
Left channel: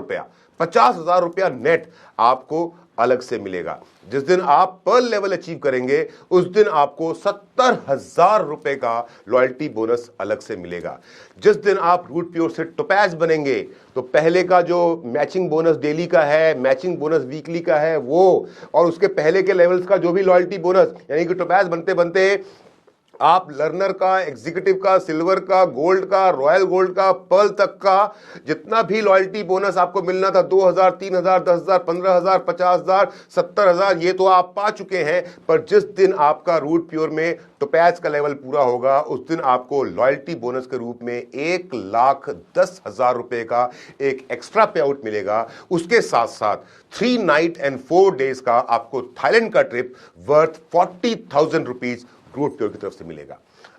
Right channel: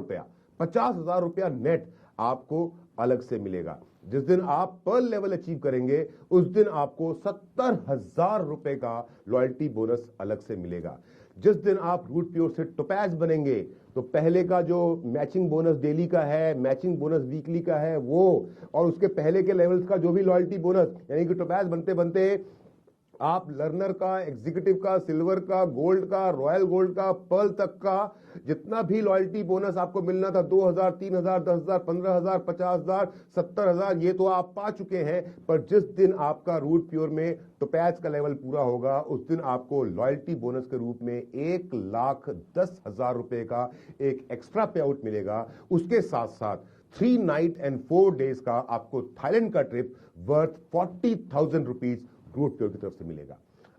रुपया नेट आपको अलग से मिलेगा। जिस दिन आप पर्ल लेवल अचीव करेंगे उस दिन आपको 70,000 रुपए का लॉयल्टी बोनस अलग से मिलेगा। जिस दिन आप रूट प्योर से टोपैज बनेंगे तो पहले का जो मैचिंग बोनस डेली का है, मैचिंग बोनस वीकली का है वो, और उसके पहले के लेवल्स का जो भी लॉयल्टी बोनस, यानी कि टोपैज बनते बनते आप लर्नर का, एग्जीक्यूटिव का, सिल्वर का, गोल्ड का, रॉयल गोल्ड का, पर्ल तक का जितना भी लॉयल्टी बोनस आपको मिलना था 2,000, 3,000, 10,000, 15,000, 50,000, 70,000, ये तो आप पा चुके हैं। पर जिस दिन आपका रूट प्योर में टोपैज का लेवल पूरा होगा उस दिन आपको लॉयल्टी बोनस के रूप में 1,10,000 रुपए का एक एक्स्ट्रा पे आउट मिलेगा। उसके साथ साथ 3 नाइट एंड 4 डेज का आपको थाईलैंड का trip worth 40,000 rupees Root Pure की तरफ से मिलेगा।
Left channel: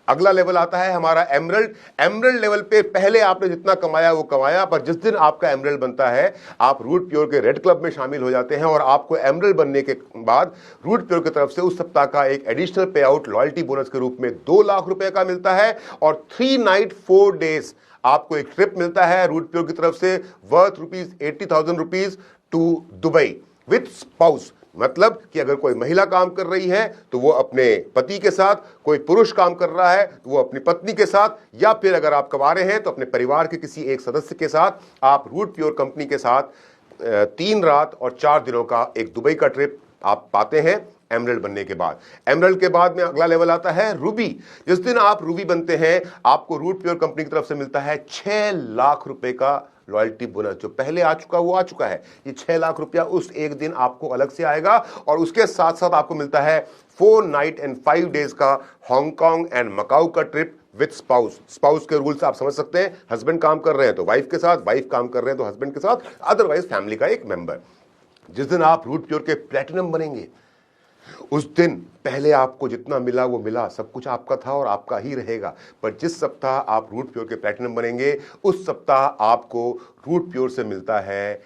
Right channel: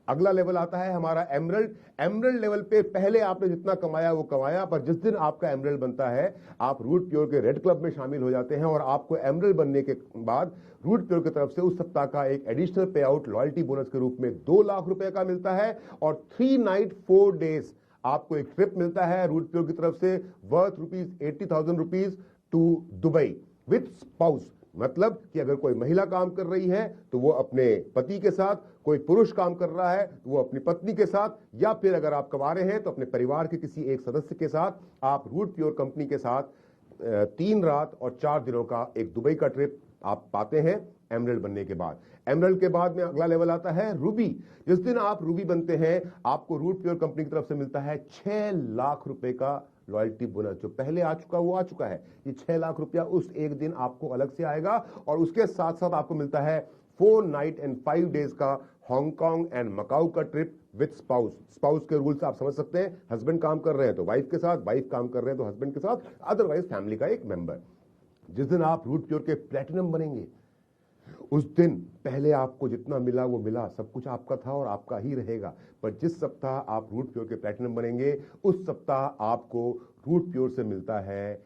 अगला लेवल आता है हमारा एमरल्ड। एमरल्ड लेवल पे पहले आपने जितना कमाया वो कमाया, पर जिस दिन आपका एमरल्ड बनता है आप रूट प्योर के रेड क्लब में शामिल हो जाते हैं और आपको एमरल्ड बनने के बाद रूट प्योर की तरफ से उस सप्ताह का एक एडिशनल पे आउट लॉयल्टी बोनस के रूप में 2 लाख रुपए का मिलता है और 3 नाइट 4 डेज आपको एक ट्रिप मिलता है रूट प्योर की तरफ से worth 80,000 rupees to Dubai with spouse. मतलब कि अगर कोई महिला काम कर रही है तो वो अपने पति के साथ, कोई पुरुष काम कर रहा है तो वो अपनी पत्नी के साथ, या फिर अगर आप कमा रहे हैं तो अपने परिवार के किसी एक सदस्य के साथ आप रूट प्योर कंपनी के साथ 3 रात और 4 दिनों का एक दुबई का ट्रिप आप पाते हैं एमरल्ड बनने के बाद। एमरल्ड के बाद में अगला लेवल आता है रूबी। जिस दिन आप रूबी बनते हैं आपको रूट प्योर कंपनी की तरफ से मिलता है 6 लाख रुपए का लॉयल्टी बोनस। जो पहले आ चुका वो आ चुका है, ये 6 लाख रुपया उस एक दिन आपको अलग से आएगा। और उसके साथ साथ आपको मिलता है 4 नाइट एंड 5 डेज का हांगकांग एंड मकाऊ का ट्रिप विद स्पाउस। स्पाउस के रूल्स आप समझ सकते हैं, हस्बैंड काम कर रहे हैं तो वाइफ के साथ, वाइफ काम कर रहे हैं तो हस्बैंड के साथ, अदरवाइज फैमिली का एक मेंबर। जिस दिन आप रूट प्योर के प्लैटिनम बनेंगे उस दिन पहले आपको जितना मिला वो मिला, सब कुछ आपका था और आपका ही रहेगा। पर जिस सप्ताह आप रूट प्योर के प्लैटिनम बनेंगे उस सप्ताह आपको रूट प्योर से मिलता है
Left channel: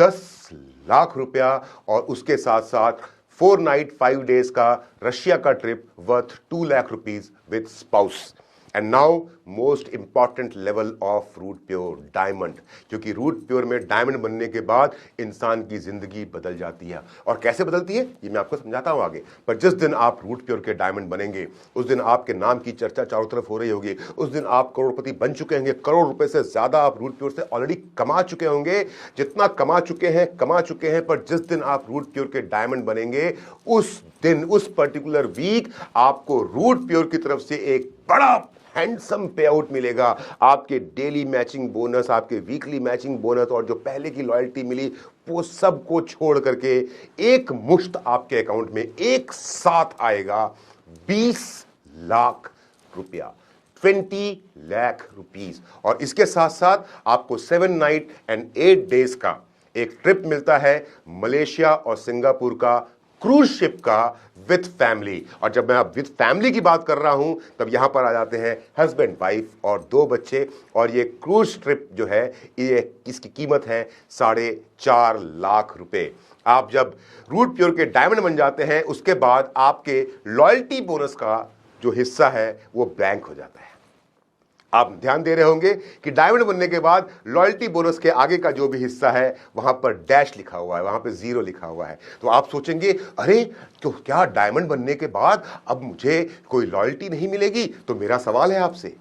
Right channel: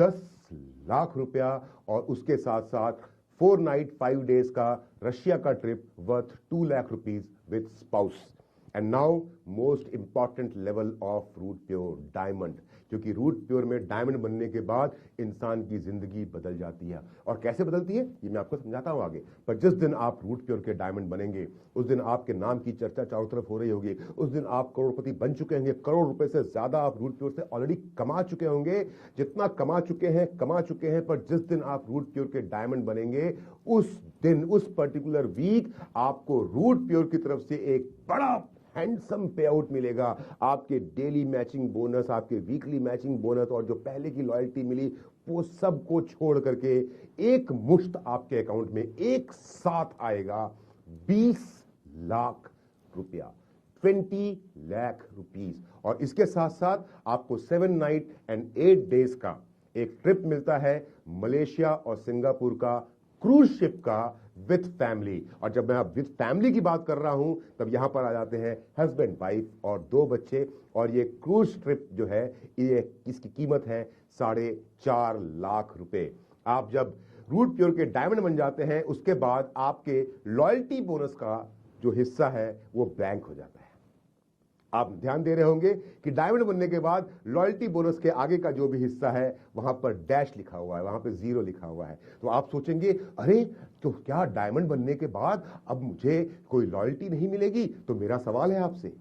10 लाख रुपया और उसके साथ साथ 4 नाइट 5 डेज का रशिया का trip worth 2 lakh rupees with spouse. And now most important level of Root Pure, diamond. क्योंकि रूट प्योर में डायमंड बनने के बाद इंसान की जिंदगी बदल जाती है। और कैसे बदलती है ये मैं आपको समझाता हूं आगे। पर जिस दिन आप रूट प्योर के डायमंड बनेंगे उस दिन आपके नाम की चर्चा चारों तरफ हो रही होगी। उस दिन आप करोड़पति बन चुके होंगे, करोड़ रुपए से ज्यादा आप रूट प्योर से ऑलरेडी कमा चुके होंगे। जितना कमा चुके हैं। पर जिस दिन आप रूट प्योर के डायमंड बनेंगे उस दिन, उस पर्टिकुलर वीक आपको रूट प्योर की तरफ से एक बड़ा हैंडसम पे आउट मिलेगा। आपके डेली मैचिंग बोनस, आपके वीकली मैचिंग बोनस और जो पहले की लॉयल्टी मिली वो सब को छोड़ करके एक मुश्त आपके अकाउंट में एक साथ आएगा 20 लाख रुपया, 20 लाख रुपीस। और इसके साथ साथ आपको 7 नाइट एंड 8 डेज का एक ट्रिप मिलता है मलेशिया और सिंगापुर का क्रूज शिप का विद फैमिली। और जब मैं अब विद फैमिली की बात कर रहा हूं तब यहां पर आ जाते हैं हस्बैंड, वाइफ और 2 बच्चे। और ये क्रूज ट्रिप जो है ये इसकी कीमत है 4.5 लाख रुपए। आप जब रूट प्योर के डायमंड बन जाते हैं उसके बाद आपके लॉयल्टी बोनस का जो हिस्सा है वो ब्लैंक हो जाता है। आप ध्यान दे रहे होंगे कि डायमंड बनने के बाद लॉयल्टी बोनस के आगे का जो भी हिस्सा है वहां पर डैश लिखा हुआ है, वहां पर 0 लिखा हुआ है। तो आप सोचेंगे अरे तो क्या डायमंड बनने के बाद अब मुझे कोई लॉयल्टी नहीं मिलेगी? तो मेरा सवाल है आपसे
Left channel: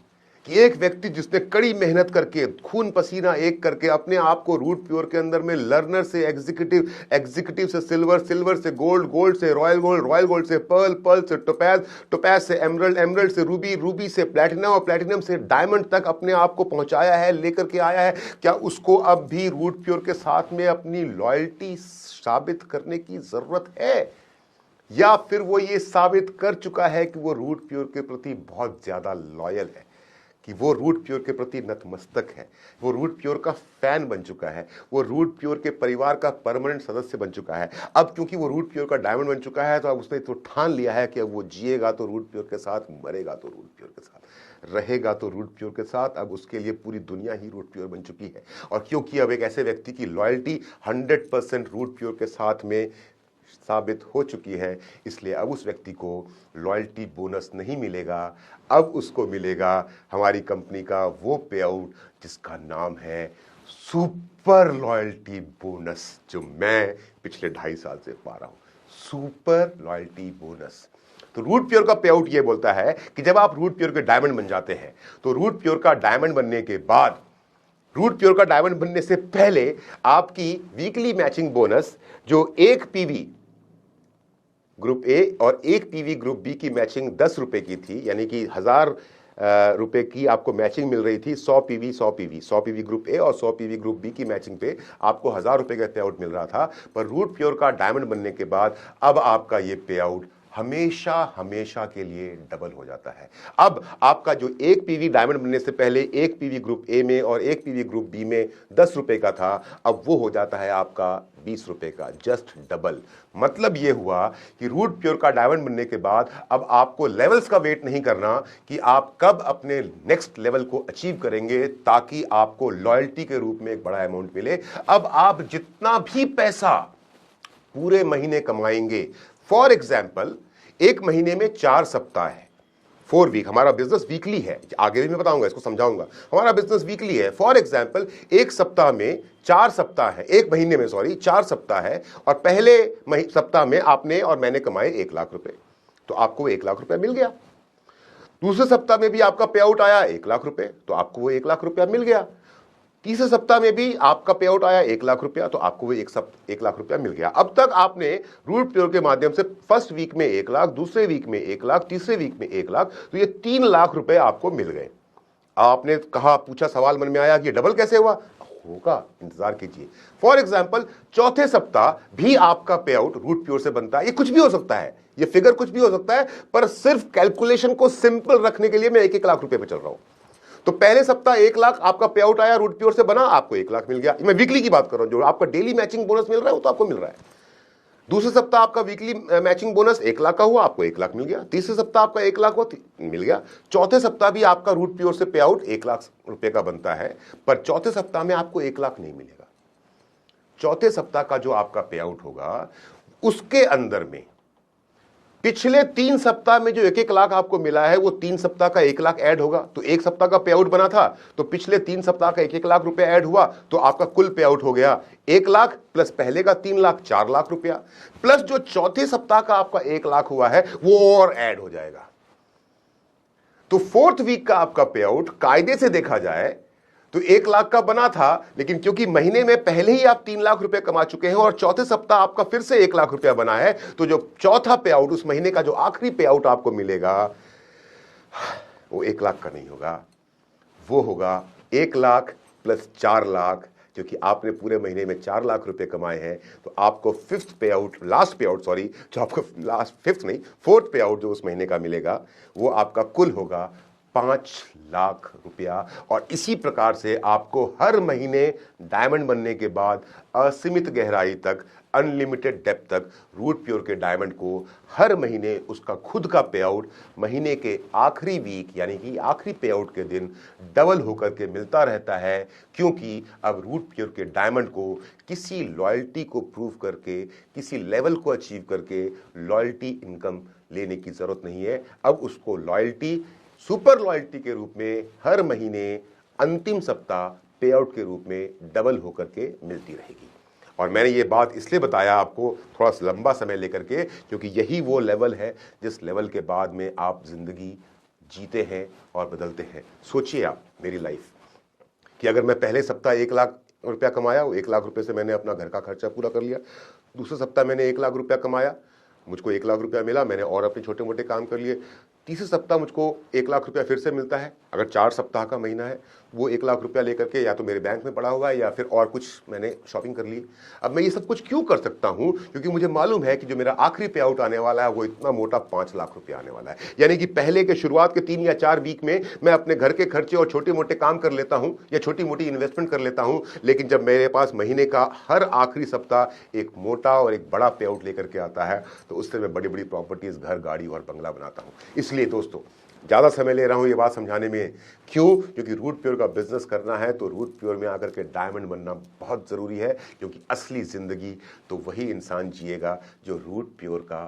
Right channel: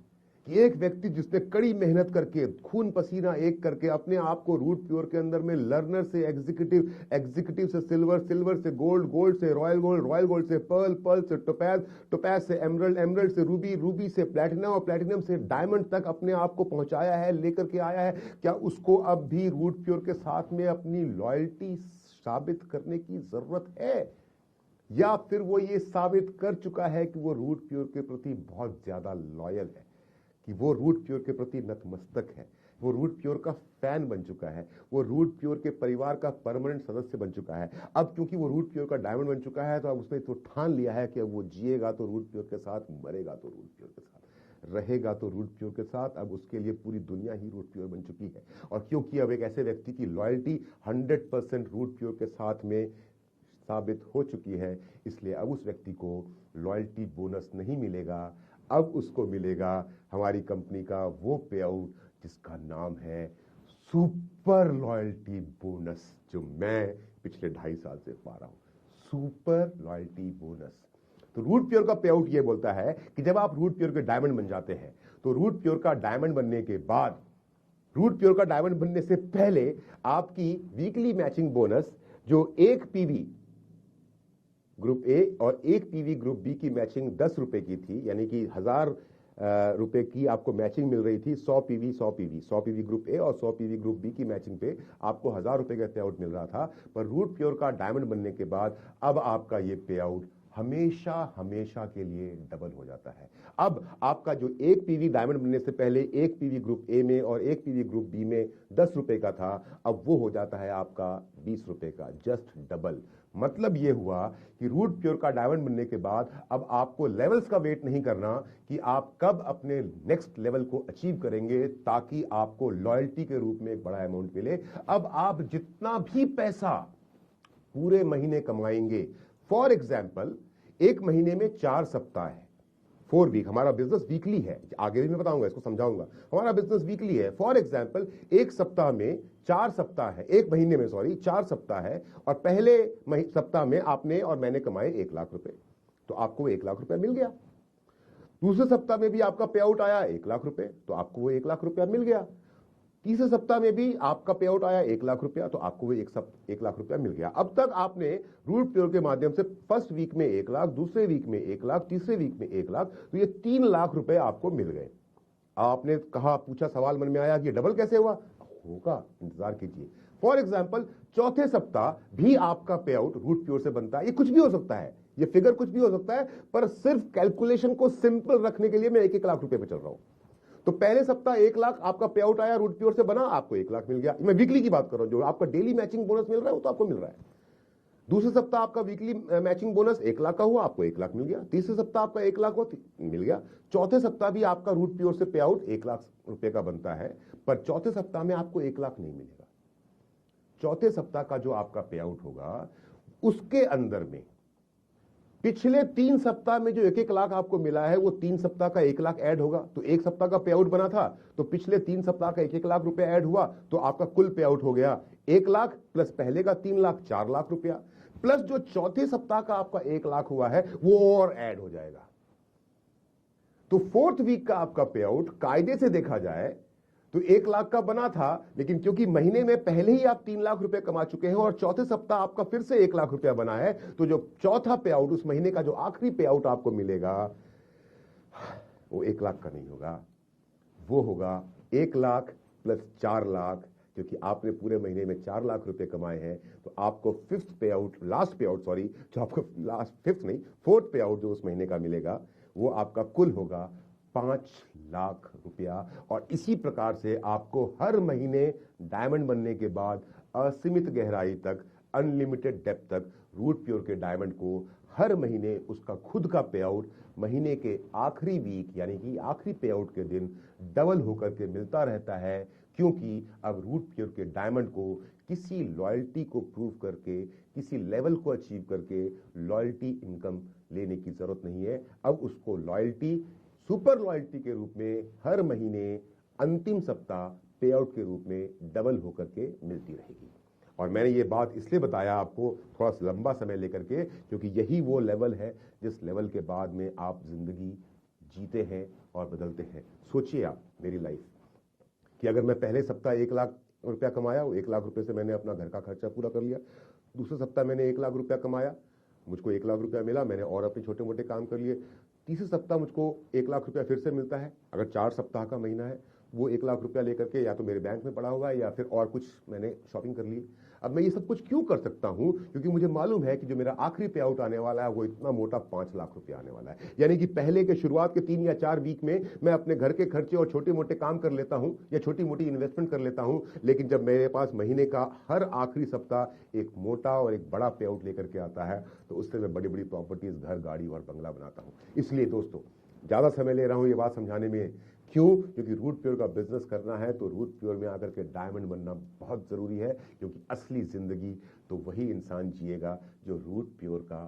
कि एक व्यक्ति जिसने कड़ी मेहनत करके खून पसीना एक करके अपने आप को रूट प्योर के अंदर में लर्नर से एग्जीक्यूटिव, एग्जीक्यूटिव से सिल्वर, सिल्वर से गोल्ड, गोल्ड से रॉयल गोल्ड, रॉयल गोल्ड से पर्ल, पर्ल से टोपैज, टोपैज से एमरल्ड, एमरल्ड से रूबी, रूबी से प्लैटिनम और प्लैटिनम से डायमंड तक अपने आप को पहुंचाया है, लेकर के आया है, क्या उसको अब भी रूट प्योर के साथ में अपनी लॉयल्टी साबित करने की जरूरत है? या फिर वो ये साबित कर चुका है कि वो रूट प्योर के प्रति बहुत ज्यादा लॉयल है, कि वो रूट प्योर के प्रति नतमस्तक है, वो रूट प्योर का फैन बन चुका है, वो रूट प्योर के परिवार का परमानेंट सदस्य बन चुका है? अब क्योंकि वो रूट प्योर का डायमंड बन चुका है तो अब उसने तो ठान लिया है कि अब वो जिएगा तो रूट प्योर के साथ, मरेगा तो रूट प्योर के साथ, रहेगा तो रूट प्योर के साथ। अब उसके लिए पूरी दुनिया ही रूट प्योर बन चुकी है। और क्योंकि अब एक ऐसे व्यक्ति की लॉयल्टी 100% रूट प्योर के साथ में साबित हो चुकी है, इसलिए अब उस व्यक्ति को लॉयल्टी बोनस नहीं मिलेगा। अब उसको मिलेगा हमारी कंपनी का वो पे आउट जिसका नाम है सुपर लॉयल्टी बोनस, जो मैं पिछले 2.5 साल से पा रहा हूं, सुपर लॉयल्टी बोनस। तो रूट प्योर का पे आउट ये बोलता है कि जब आप रूट प्योर के डायमंड बन जाते हैं तो रूट प्योर का डायमंड बनने के बाद, रूट प्योर का डायमंड बनने से पहले आपकी वीकली मैचिंग बोनस जो एक पीवी ग्रुप ए और एक पीवी ग्रुप बी की मैचिंग 10 रुपए की थी, यानी कि 1000 रुपए की आपको मैचिंग मिल रही थी। 100 पीवी 100 पीवी, 100 पीवी ग्रुप ए और 100 पीवी ग्रुप बी की मैचिंग पे आपको 1000 रुपए का पे आउट मिल रहा था। पर रूट प्योर का डायमंड बनने के बाद अब आपका ये पे आउट हमेशा हमेशा के लिए डबल हो जाता है। अब आपका जो एक पीवी डायमंड बनने से पहले एक पीवी ग्रुप ए में और एक पीवी ग्रुप बी में 10 रुपए का था, अब वो हो जाता है आपका 20 रुपए का, जस्ट डबल। मतलब ये हुआ कि रूट प्योर का डायमंड बनने के बाद अब आपको लेवल्स का वेट नहीं करना कि आप कब अपने नेक्स्ट लेवल को अचीव करेंगे ताकि आपको लॉयल्टी के रूप में एक बड़ा अमाउंट मिले। अब आप जितना भी पैसा पूरे महीने कमाएंगे, फॉर एग्जाम्पल एक महीने में 4 सप्ताह है, 4 वीक, हमारा बिजनेस वीकली है, आगे भी मैं बताऊंगा, इसको समझाऊंगा, हमारा बिजनेस वीकली है। फॉर एग्जाम्पल एक सप्ताह में 4 सप्ताह है, एक महीने में, सॉरी 4 सप्ताह है, और पहले सप्ताह में आपने और मैंने कमाए 1 लाख रुपए, तो आपको 1 लाख रुपया मिल गया। दूसरे सप्ताह में भी आपका पे आउट आया 1 लाख रुपए, तो आपको वो 1 लाख रुपया मिल गया। तीसरे सप्ताह में भी आपका पे आउट आया 1 लाख रुपया, तो आपको वो 1 लाख रुपया मिल गया। अब तक आपने रूट प्योर के माध्यम से फर्स्ट वीक में 1 लाख, दूसरे वीक में 1 लाख, तीसरे वीक में 1 लाख, तो ये 3 लाख रुपए आपको मिल गए। आपने कहा, पूछा, सवाल मन में आया कि डबल कैसे हुआ? होगा, इंतजार कीजिए। फॉर एग्जाम्पल, चौथे सप्ताह भी आपका पे आउट रूट प्योर से बनता है। ये कुछ भी हो सकता है, ये फिगर कुछ भी हो सकता है, पर सिर्फ कैलकुलेशन को सिंपल रखने के लिए मैं 1-1 लाख रुपए पे चल रहा हूं। तो पहले सप्ताह 1 लाख आपका पे आउट आया, रूट प्योर से बना, आपको 1 लाख मिल गया। मैं वीकली की बात कर रहा हूं, जो आपका डेली मैचिंग बोनस मिल रहा है वो तो आपको मिल रहा है। दूसरे सप्ताह आपका वीकली मैचिंग बोनस 1 लाख का हुआ, आपको 1 लाख मिल गया। तीसरे सप्ताह आपका 1 लाख हुआ, मिल गया। चौथे सप्ताह भी आपका रूट प्योर से पे आउट 1 लाख रुपए का बनता है, पर चौथे सप्ताह में आपको 1 लाख नहीं मिलेगा। चौथे सप्ताह का जो आपका पे आउट होगा, उसके अंदर में पिछले 3 सप्ताह में जो 1-1 लाख आपको मिला है, वो 3 सप्ताह का 1 लाख ऐड होगा। तो एक सप्ताह का पे आउट बना था, तो पिछले 3 सप्ताह का 1-1 लाख रुपए ऐड हुआ, तो आपका कुल पे आउट हो गया 1 लाख प्लस पहले का 3 लाख, 4 लाख रुपया, प्लस जो चौथे सप्ताह का आपका 1 लाख हुआ है वो और ऐड हो जाएगा। तो फोर्थ वीक का आपका पे आउट कायदे से देखा जाए तो 1 लाख का बना था, लेकिन क्योंकि महीने में पहले ही आप 3 लाख रुपए कमा चुके हैं और चौथे सप्ताह आपका फिर से 1 लाख रुपया बना है, तो जो चौथा पे आउट, उस महीने का जो आखिरी पे आउट आपको मिलेगा, वो 1 लाख का नहीं होगा, वो होगा 1 लाख प्लस 4 लाख, क्योंकि आपने पूरे महीने में 4 लाख रुपए कमाए हैं। तो आपको लास्ट पे आउट, सॉरी, जो आपको फोर्थ पे आउट जो उस महीने का मिलेगा, वो आपका कुल होगा 5 लाख रुपया। और इसी प्रकार से आपको हर महीने डायमंड बनने के बाद असीमित गहराई तक, अनलिमिटेड डेप्थ तक रूट प्योर के डायमंड को हर महीने उसका खुद का पे आउट महीने के आखिरी वीक, यानी कि आखिरी पे आउट के दिन डबल होकर के मिलता रहता है। क्योंकि अब रूट प्योर के डायमंड को किसी लॉयल्टी को प्रूव करके, किसी लेवल को अचीव करके लॉयल्टी इनकम लेने की जरूरत नहीं है। अब उसको लॉयल्टी, सुपर लॉयल्टी के रूप में हर महीने अंतिम सप्ताह पे आउट के रूप में डबल होकर के मिलती रहेगी। और मैंने ये बात इसलिए बताया आपको थोड़ा सा लंबा समय लेकर के, क्योंकि यही वो लेवल है जिस लेवल के बाद में आप जिंदगी जीते हैं और बदलते हैं। सोचिए आप, मेरी लाइफ कि अगर मैं पहले सप्ताह 1 लाख रुपया कमाया, वो 1 लाख रुपए से मैंने अपना घर का खर्चा पूरा कर लिया। दूसरे सप्ताह मैंने 1 लाख रुपया कमाया, मुझको 1 लाख रुपया मिला, मैंने और अपने छोटे मोटे काम कर लिए। तीसरे सप्ताह मुझको 1 लाख रुपया फिर से मिलता है। अगर 4 सप्ताह का महीना है, वो 1 लाख रुपया लेकर के या तो मेरे बैंक में पड़ा हुआ है या फिर और कुछ मैंने शॉपिंग कर ली। अब मैं ये सब कुछ क्यों कर सकता हूं? क्योंकि मुझे मालूम है कि जो मेरा आखिरी पे आउट आने वाला है वो इतना मोटा 5 लाख रुपया आने वाला है। यानी कि पहले के शुरुआत के 3 या 4 वीक में मैं अपने घर के खर्चे और छोटे मोटे काम कर लेता हूं या छोटी मोटी इन्वेस्टमेंट कर लेता हूं, लेकिन जब मेरे पास महीने का हर आखिरी सप्ताह एक मोटा और एक बड़ा पे आउट लेकर के आता है, तो उससे मैं बड़ी बड़ी प्रॉपर्टीज, घर, गाड़ी और बंगला बनाता हूं। इसलिए दोस्तों, ज़्यादा समय ले रहा हूं ये बात समझाने में, क्यों? क्योंकि रूट प्योर का बिजनेस करना है तो रूट प्योर में आकर के डायमंड बनना बहुत ज़रूरी है। क्योंकि असली ज़िंदगी तो वही इंसान जिएगा जो रूट प्योर का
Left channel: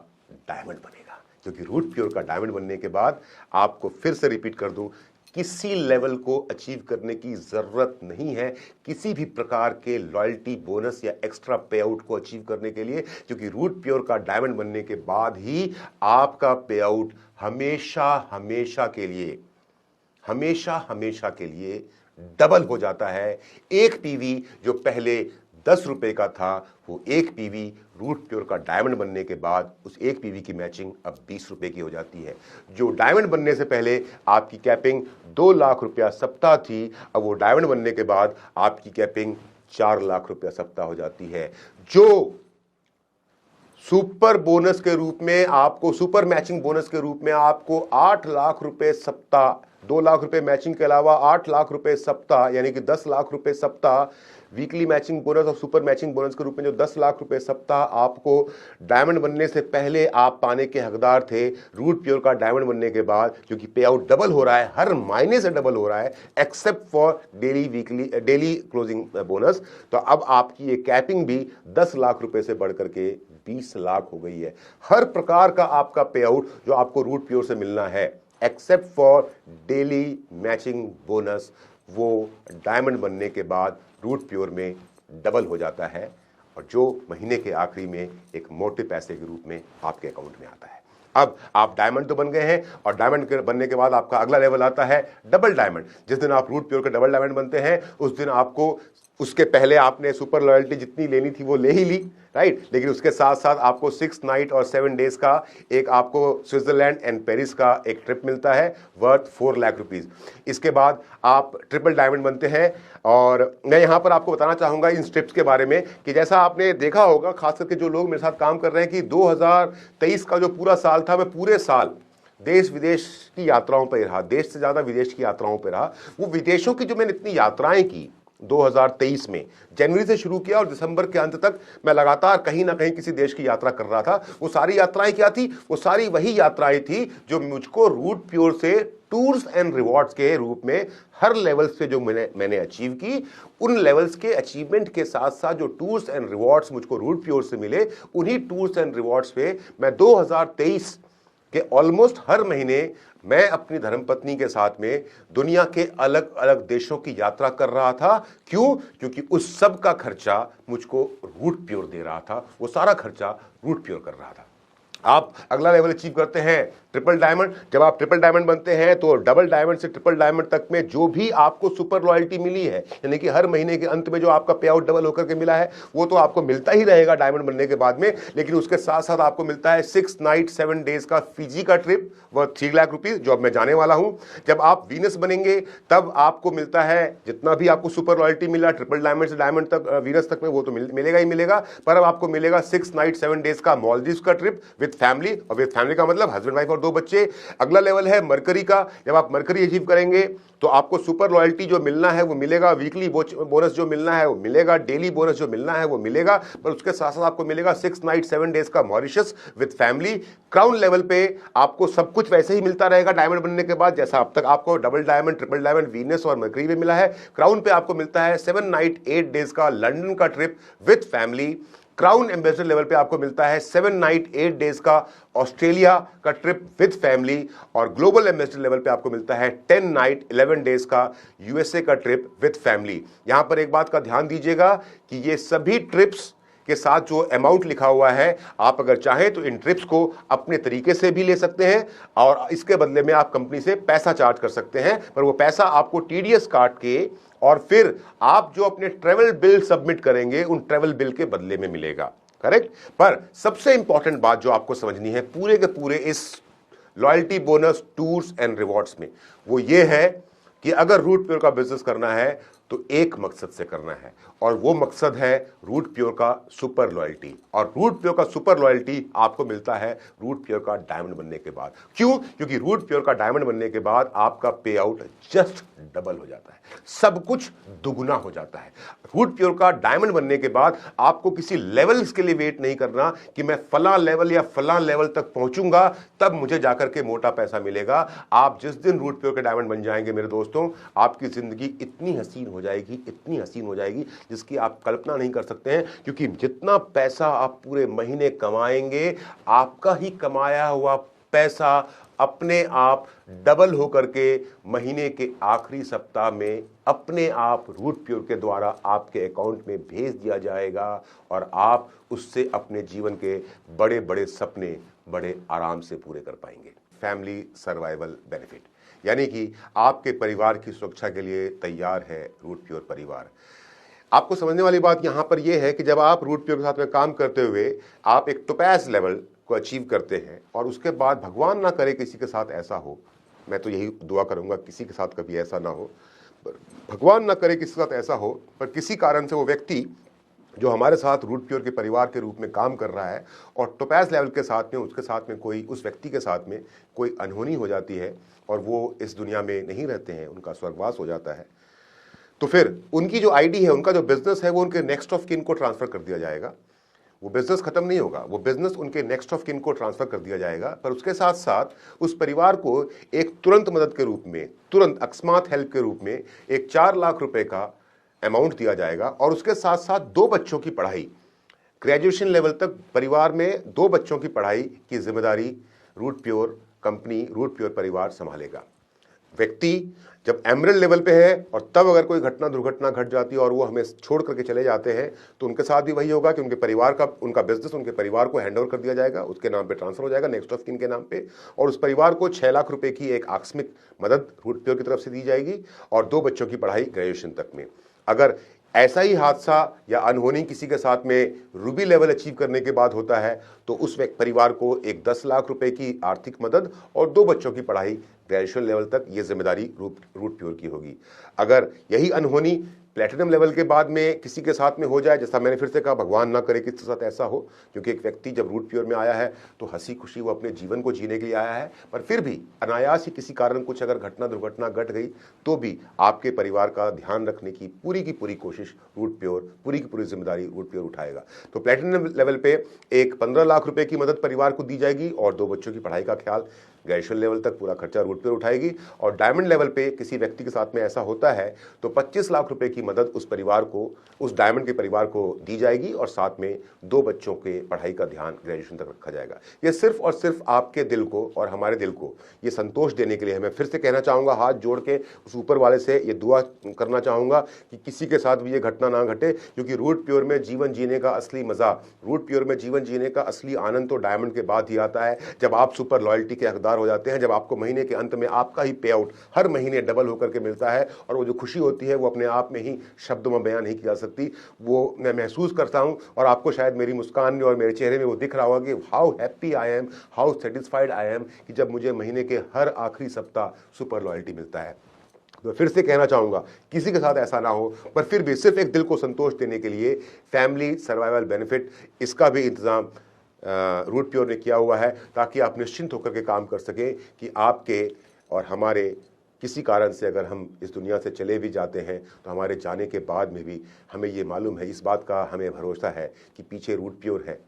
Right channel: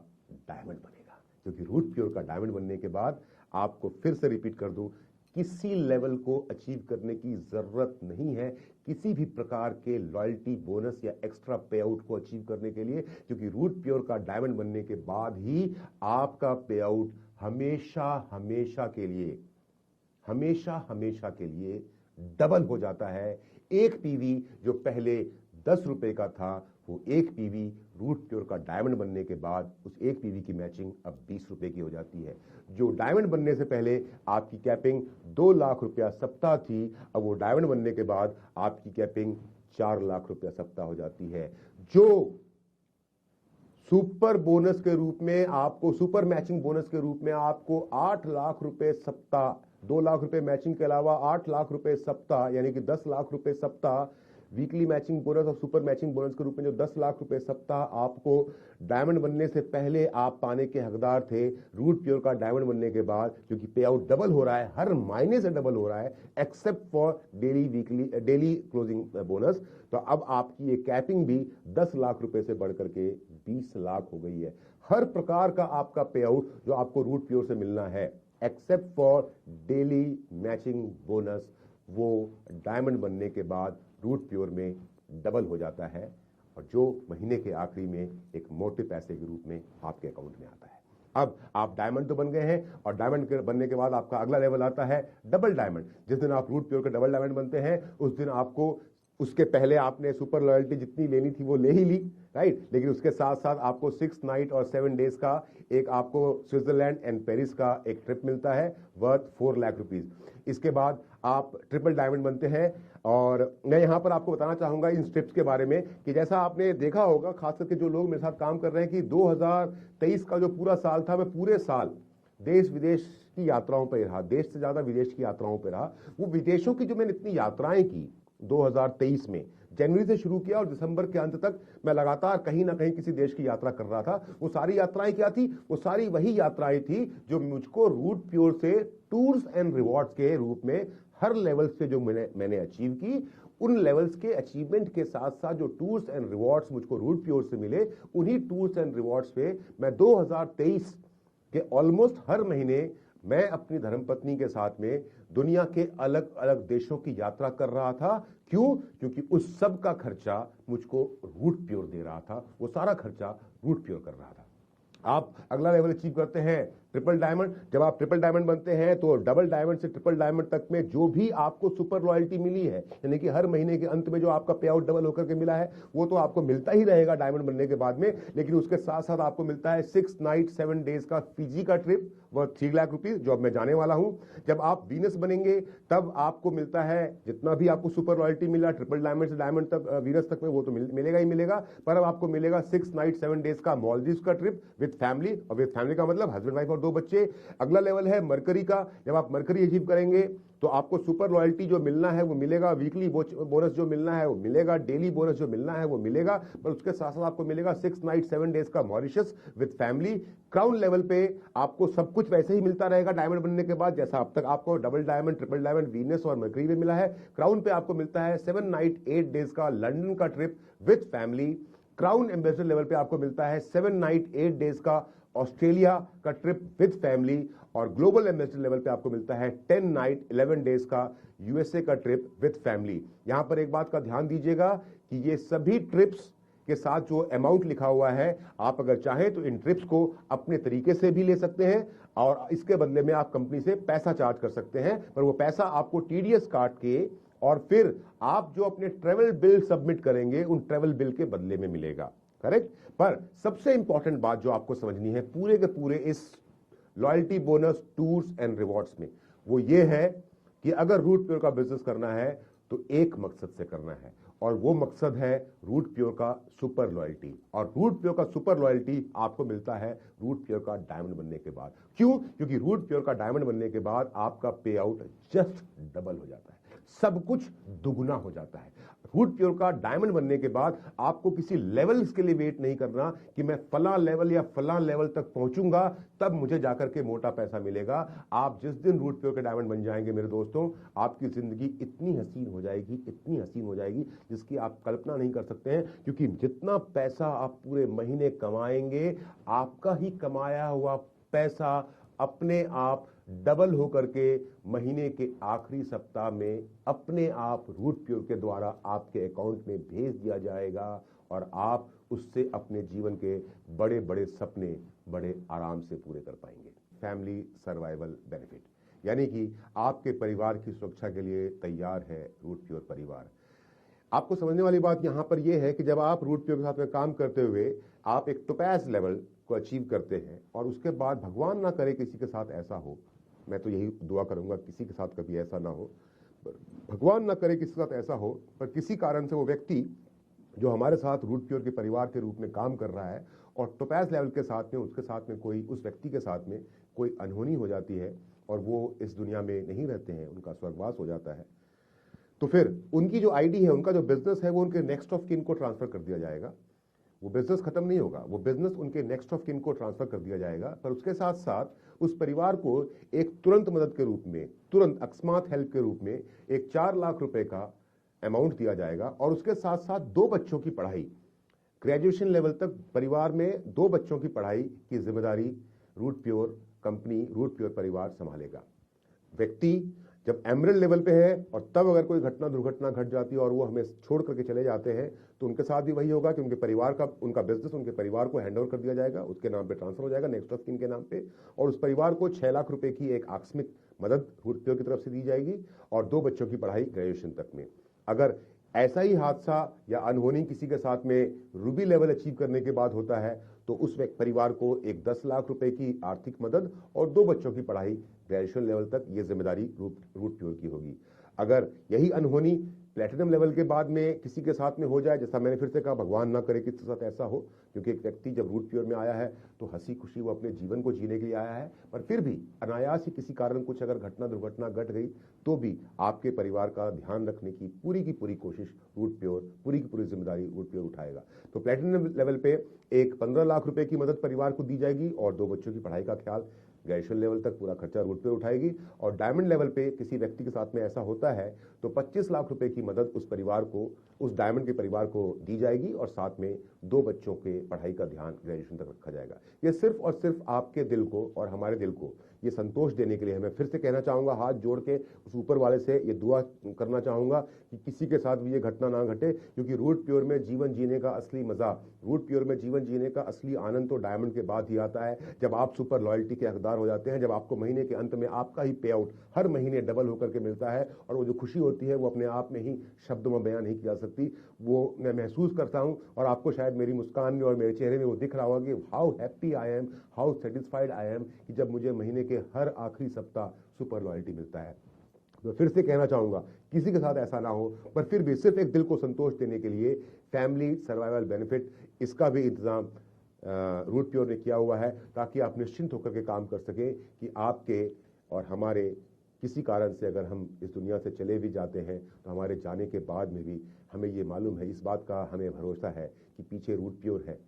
डायमंड बनेगा। क्योंकि रूट प्योर का डायमंड बनने के बाद आपको फिर से रिपीट कर दूं, किसी लेवल को अचीव करने की ज़रूरत नहीं है किसी भी प्रकार के लॉयल्टी बोनस या एक्स्ट्रा पे आउट को अचीव करने के लिए। क्योंकि रूट प्योर का डायमंड बनने के बाद ही आपका पे आउट हमेशा हमेशा के लिए डबल हो जाता है। एक पीवी जो पहले 10 रुपए का था, वो एक पीवी रूट प्योर का डायमंड बनने के बाद उस एक पीवी की मैचिंग अब 20 रुपए की हो जाती है। जो डायमंड बनने से पहले आपकी कैपिंग 2 लाख रुपया सप्ताह थी, अब वो डायमंड बनने के बाद आपकी कैपिंग 4 लाख रुपया सप्ताह हो जाती है। जो सुपर बोनस के रूप में आपको, सुपर मैचिंग बोनस के रूप में आपको 8 लाख रुपए सप्ताह, 2 लाख रुपए मैचिंग के अलावा 8 लाख रुपए सप्ताह, यानी कि 10 लाख रुपए सप्ताह वीकली मैचिंग बोनस और सुपर मैचिंग बोनस के रूप में जो 10 लाख रुपए सप्ताह आपको डायमंड बनने से पहले आप पाने के हकदार थे, रूट प्योर का डायमंड बनने के बाद क्योंकि पे आउट डबल हो रहा है, हर महीने से डबल हो रहा है except for daily closing bonus, तो अब आपकी ये कैपिंग भी 10 लाख रुपए से बढ़कर के 20 लाख हो गई है। हर प्रकार का आपका पे आउट जो आपको रूट प्योर से मिलना है except for daily matching bonus, वो डायमंड बनने के बाद रूट प्योर में डबल हो जाता है और जो महीने के आखिरी में एक मोटे पैसे के रूप में आपके अकाउंट में आता है। अब आप डायमंड तो बन गए हैं और डायमंड के बनने के बाद आपका अगला लेवल आता है डबल डायमंड। जिस दिन आप रूट प्योर के डबल डायमंड बनते हैं उस दिन आपको, उसके पहले आपने सुपर लॉयल्टी जितनी लेनी थी वो ले ही ली, राइट, लेकिन उसके साथ साथ आपको 6 नाइट और 7 डेज का एक आपको स्विट्जरलैंड एंड पेरिस का एक ट्रिप मिलता है वर्थ 4 लाख रुपीज। इसके बाद आप ट्रिपल डायमंड बनते हैं। और मैं यहाँ पर आपको बताना चाहूँगा इन ट्रिप्स के बारे में कि जैसा आपने देखा होगा, खास करके जो लोग मेरे साथ काम कर रहे हैं, कि 2023 का जो पूरा साल था, मैं पूरे साल देश विदेश की यात्राओं पर रहा, देश से ज़्यादा विदेश की यात्राओं पर रहा। वो विदेशों की जो मैंने इतनी यात्राएं की 2023 में, जनवरी से शुरू किया और दिसंबर के अंत तक मैं लगातार कहीं ना कहीं किसी देश की यात्रा कर रहा था। वो सारी यात्राएं क्या थी? वो सारी वही यात्राएं थी जो मुझको रूट प्योर से टूर्स एंड रिवॉर्ड्स के रूप में हर लेवल से जो मैंने अचीव की, उन लेवल्स के अचीवमेंट के साथ साथ जो टूर्स एंड रिवॉर्ड्स मुझको रूट प्योर से मिले, उन्हीं टूर्स एंड रिवॉर्ड्स पे मैं 2023 के ऑलमोस्ट हर महीने मैं अपनी धर्मपत्नी के साथ में दुनिया के अलग अलग देशों की यात्रा कर रहा था। क्यों? क्योंकि उस सब का खर्चा मुझको रूट प्योर दे रहा था, वो सारा खर्चा रूट प्योर कर रहा था। आप अगला लेवल अचीव करते हैं ट्रिपल डायमंड। जब आप ट्रिपल डायमंड बनते हैं तो डबल डायमंड से ट्रिपल डायमंड तक में जो भी आपको सुपर लॉयल्टी मिली है, यानी कि हर महीने के अंत में जो आपका पे आउट डबल होकर के मिला है, वो तो आपको मिलता ही रहेगा डायमंड बनने के बाद में। लेकिन उसके साथ साथ आपको मिलता है 6 नाइट 7 डेज का फिजी का ट्रिप वह 3 लाख रुपीज, जो अब मैं जाने वाला हूं। जब आप वीनस बनेंगे तब आपको मिलता है जितना भी आपको सुपर लॉयल्टी मिला ट्रिपल डायमंड से डायमंड तक, वीनस तक में, वो तो मिलेगा ही मिलेगा। पर अब आपको मिलेगा 6 नाइट 7 डेज का मॉलदीव्स का ट्रिप विद फैमिली, और विद फैमिली का मतलब हस्बैंड वाइफ और 2 बच्चे। अगला लेवल है मरकरी का। जब आप मरकरी अचीव करेंगे तो आपको सुपर लॉयल्टी जो मिलना है वो मिलेगा, वीकली बोनस जो मिलना है वो मिलेगा, डेली बोनस जो मिलना है वो मिलेगा। पर उसके साथ साथ आपको मिलेगा 6 नाइट 7 डेज का Mauritius with family. Crown level पे आपको सब कुछ वैसे ही मिलता रहेगा डायमंड बनने के बाद, जैसा अब तक आपको double diamond, triple diamond, Venus और मरकरी में मिला है। क्राउन पे आपको मिलता है 7 नाइट 8 डेज का लंदन का trip with family. Crown ambassador level पे आपको मिलता है 7 नाइट 8 डेज का ऑस्ट्रेलिया का ट्रिप विद फैमिली। और ग्लोबल एम्बेसडर लेवल पे आपको मिलता है 10 नाइट 11 डेज का यूएसए का ट्रिप विद फैमिली। यहां पर एक बात का ध्यान दीजिएगा कि ये सभी ट्रिप्स के साथ जो अमाउंट लिखा हुआ है, आप अगर चाहें तो इन ट्रिप्स को अपने तरीके से भी ले सकते हैं और इसके बदले में आप कंपनी से पैसा चार्ज कर सकते हैं। पर वो पैसा आपको टीडीएस काट के और फिर आप जो अपने ट्रेवल बिल सबमिट करेंगे उन ट्रेवल बिल के बदले में मिलेगा, करेक्ट। पर सबसे इंपॉर्टेंट बात जो आपको समझनी है पूरे के पूरे इस loyalty bonus tours and rewards में, वो ये है कि अगर रूट प्योर का बिजनेस करना है तो एक मकसद से करना है, और वो मकसद है रूट प्योर का सुपर लॉयल्टी। और रूट प्योर का सुपर लॉयल्टी आपको मिलता है रूट प्योर का डायमंड बनने के बाद। क्यों? क्योंकि रूट प्योर का डायमंड बनने के बाद आपका पे आउट जस्ट डबल हो जाता है, सब कुछ दुगुना हो जाता है। रूट प्योर का डायमंड बनने के बाद आपको किसी लेवल्स के लिए वेट नहीं करना कि मैं फलां लेवल या फलां लेवल तक पहुंचूंगा तब मुझे जाकर के मोटा पैसा मिलेगा। आप जिस दिन रूट प्योर के डायमंड बन जाएंगे मेरे दोस्तों, आपकी जिंदगी इतनी हसीन हो जाएगी, इतनी हसीन हो जाएगी जिसकी आप कल्पना नहीं कर सकते हैं। क्योंकि जितना पैसा आप पूरे महीने कमाएंगे, आपका ही कमाया हुआ पैसा अपने आप डबल होकर के महीने के आखिरी सप्ताह में अपने आप रूट प्योर के द्वारा आपके अकाउंट में भेज दिया जाएगा और आप उससे अपने जीवन के बड़े बड़े सपने बड़े आराम से पूरे कर पाएंगे। फैमिली सर्वाइवल बेनिफिट, यानी कि आपके परिवार की सुरक्षा के लिए तैयार है रूट प्योर परिवार। आपको समझने वाली बात यहां पर यह है कि जब आप रूट प्योर के साथ में काम करते हुए आप एक टोपैज लेवल को अचीव करते हैं और उसके बाद भगवान ना करे किसी के साथ ऐसा हो, मैं तो यही दुआ करूंगा किसी के साथ कभी ऐसा ना हो, भगवान ना करे किसी के साथ ऐसा हो, पर किसी कारण से वो व्यक्ति जो हमारे साथ रूट प्योर के परिवार के रूप में काम कर रहा है और टोपैज लेवल के साथ में उसके साथ में कोई, उस व्यक्ति के साथ में कोई अनहोनी हो जाती है और वो इस दुनिया में नहीं रहते हैं, उनका स्वर्गवास हो जाता है, तो फिर उनकी जो आईडी है, उनका जो बिजनेस है, वो उनके नेक्स्ट ऑफ किन को ट्रांसफर कर दिया जाएगा। वो बिजनेस खत्म नहीं होगा, वो बिजनेस उनके नेक्स्ट ऑफ किन को ट्रांसफर कर दिया जाएगा। पर उसके साथ साथ उस परिवार को एक तुरंत मदद के रूप में, तुरंत अकस्मात हेल्प के रूप में एक 4 लाख रुपए का अमाउंट दिया जाएगा और उसके साथ साथ 2 बच्चों की पढ़ाई, ग्रेजुएशन लेवल तक परिवार में 2 बच्चों की पढ़ाई की जिम्मेदारी Root Pure company, Root Pure परिवार संभालेगा। व्यक्ति जब एमरल्ड लेवल पे है और तब अगर कोई घटना दुर्घटना घट जाती है और वो हमें छोड़ करके चले जाते हैं तो उनके साथ भी वही होगा कि उनके परिवार का, उनका बिजनेस उनके परिवार को हैंड ओवर कर दिया जाएगा, उसके नाम पे ट्रांसफर हो जाएगा नेक्स्ट ऑफ किन के नाम पे, और उस परिवार को 6 लाख रुपए की एक आकस्मिक मदद रूट प्योर की तरफ से दी जाएगी और 2 बच्चों की पढ़ाई ग्रेजुएशन तक में। अगर ऐसा ही हादसा या अनहोनी किसी के साथ में रूबी लेवल अचीव करने के बाद होता है तो उस परिवार को एक 10 लाख रुपए की आर्थिक मदद और 2 बच्चों की पढ़ाई ग्रेजुएशन लेवल तक, ये जिम्मेदारी रूट प्योर की होगी। अगर यही अनहोनी प्लेटिनम लेवल के बाद में किसी के साथ में हो जाए, जैसा मैंने फिर से कहा, भगवान ना करे किसी के साथ ऐसा हो, क्योंकि एक व्यक्ति जब रूट प्योर में आया है तो हंसी खुशी वो अपने जीवन को जीने के लिए आया है, पर फिर भी अनायास ही किसी कारण कुछ अगर घटना दुर्घटना घट गई तो भी आपके परिवार का ध्यान रखने की पूरी कोशिश रूट प्योर, पूरी की पूरी जिम्मेदारी रूट प्योर उठाएगा। तो प्लेटिनम लेवल पे एक 15 लाख रुपए की मदद परिवार को दी जाएगी और 2 बच्चों की पढ़ाई का ख्याल ग्रेजुएशन लेवल तक पूरा खर्चा रूट प्योर उठाएगी। और डायमंड लेवल पे किसी व्यक्ति के साथ में ऐसा होता है तो 25 लाख रुपए की मदद उस परिवार को, उस डायमंड के परिवार को दी जाएगी और साथ में 2 बच्चों के पढ़ाई का ध्यान ग्रेजुएशन तक रखा जाएगा। ये सिर्फ और सिर्फ आपके दिल को और हमारे दिल को ये संतोष देने के लिए। मैं फिर से कहना चाहूँगा, हाथ जोड़ के उस ऊपर वाले से ये दुआ करना चाहूँगा कि किसी के साथ भी ये घटना ना घटे, क्योंकि रूट प्योर में जीवन जीने का असली मज़ा, रूट प्योर में जीवन जीने का असली आनंद तो डायमंड के बाद ही आता है, जब आप सुपर लॉयल्टी के हकदार हो जाते हैं, जब आपको महीने के अंत में आपका ही पे आउट हर महीने डबल होकर के मिलता है और वो जो खुशी होती है वो अपने आप में ही शब्दों में बयान नहीं की जा सकती। वो मैं महसूस करता हूँ और आपको शायद मेरी मुस्कान में और मेरे चेहरे में वो दिख रहा होगा कि how happy I am, how satisfied I am, कि जब मुझे महीने के हर आखिरी सप्ताह सुपर लॉयल्टी मिलता है। तो फिर से कहना चाहूँगा, किसी के साथ ऐसा ना हो, पर फिर भी सिर्फ एक दिल को संतोष देने के लिए फैमिली सर्वाइवल बेनिफिट, इसका भी इंतज़ाम रूट प्योर ने किया हुआ है, ताकि आप निश्चिंत होकर के काम कर सकें कि आपके और हमारे किसी कारण से अगर हम इस दुनिया से चले भी जाते हैं तो हमारे जाने के बाद में भी हमें ये मालूम है, इस बात का हमें भरोसा है कि पीछे रूट प्योर है,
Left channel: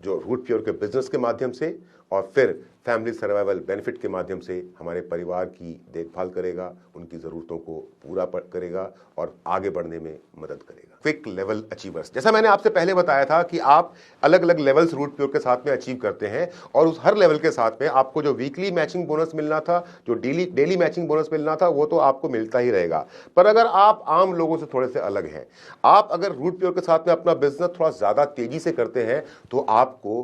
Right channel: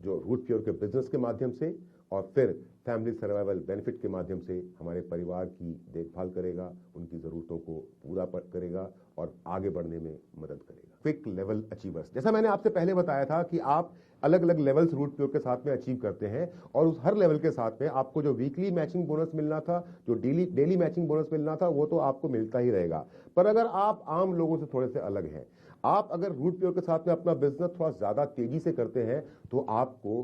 जो रूट प्योर के बिजनेस के माध्यम से और फिर फैमिली सर्वाइवल बेनिफिट के माध्यम से हमारे परिवार की देखभाल करेगा, उनकी ज़रूरतों को पूरा करेगा और आगे बढ़ने में मदद करेगा। क्विक लेवल अचीवर्स, जैसा मैंने आपसे पहले बताया था कि आप अलग अलग लेवल्स रूट प्योर के साथ में अचीव करते हैं और उस हर लेवल के साथ में आपको जो वीकली मैचिंग बोनस मिलना था, जो डेली मैचिंग बोनस मिलना था, वो तो आपको मिलता ही रहेगा। पर अगर आप आम लोगों से थोड़े से अलग हैं, आप अगर रूट प्योर के साथ में अपना बिजनेस थोड़ा ज़्यादा तेज़ी से करते हैं तो आपको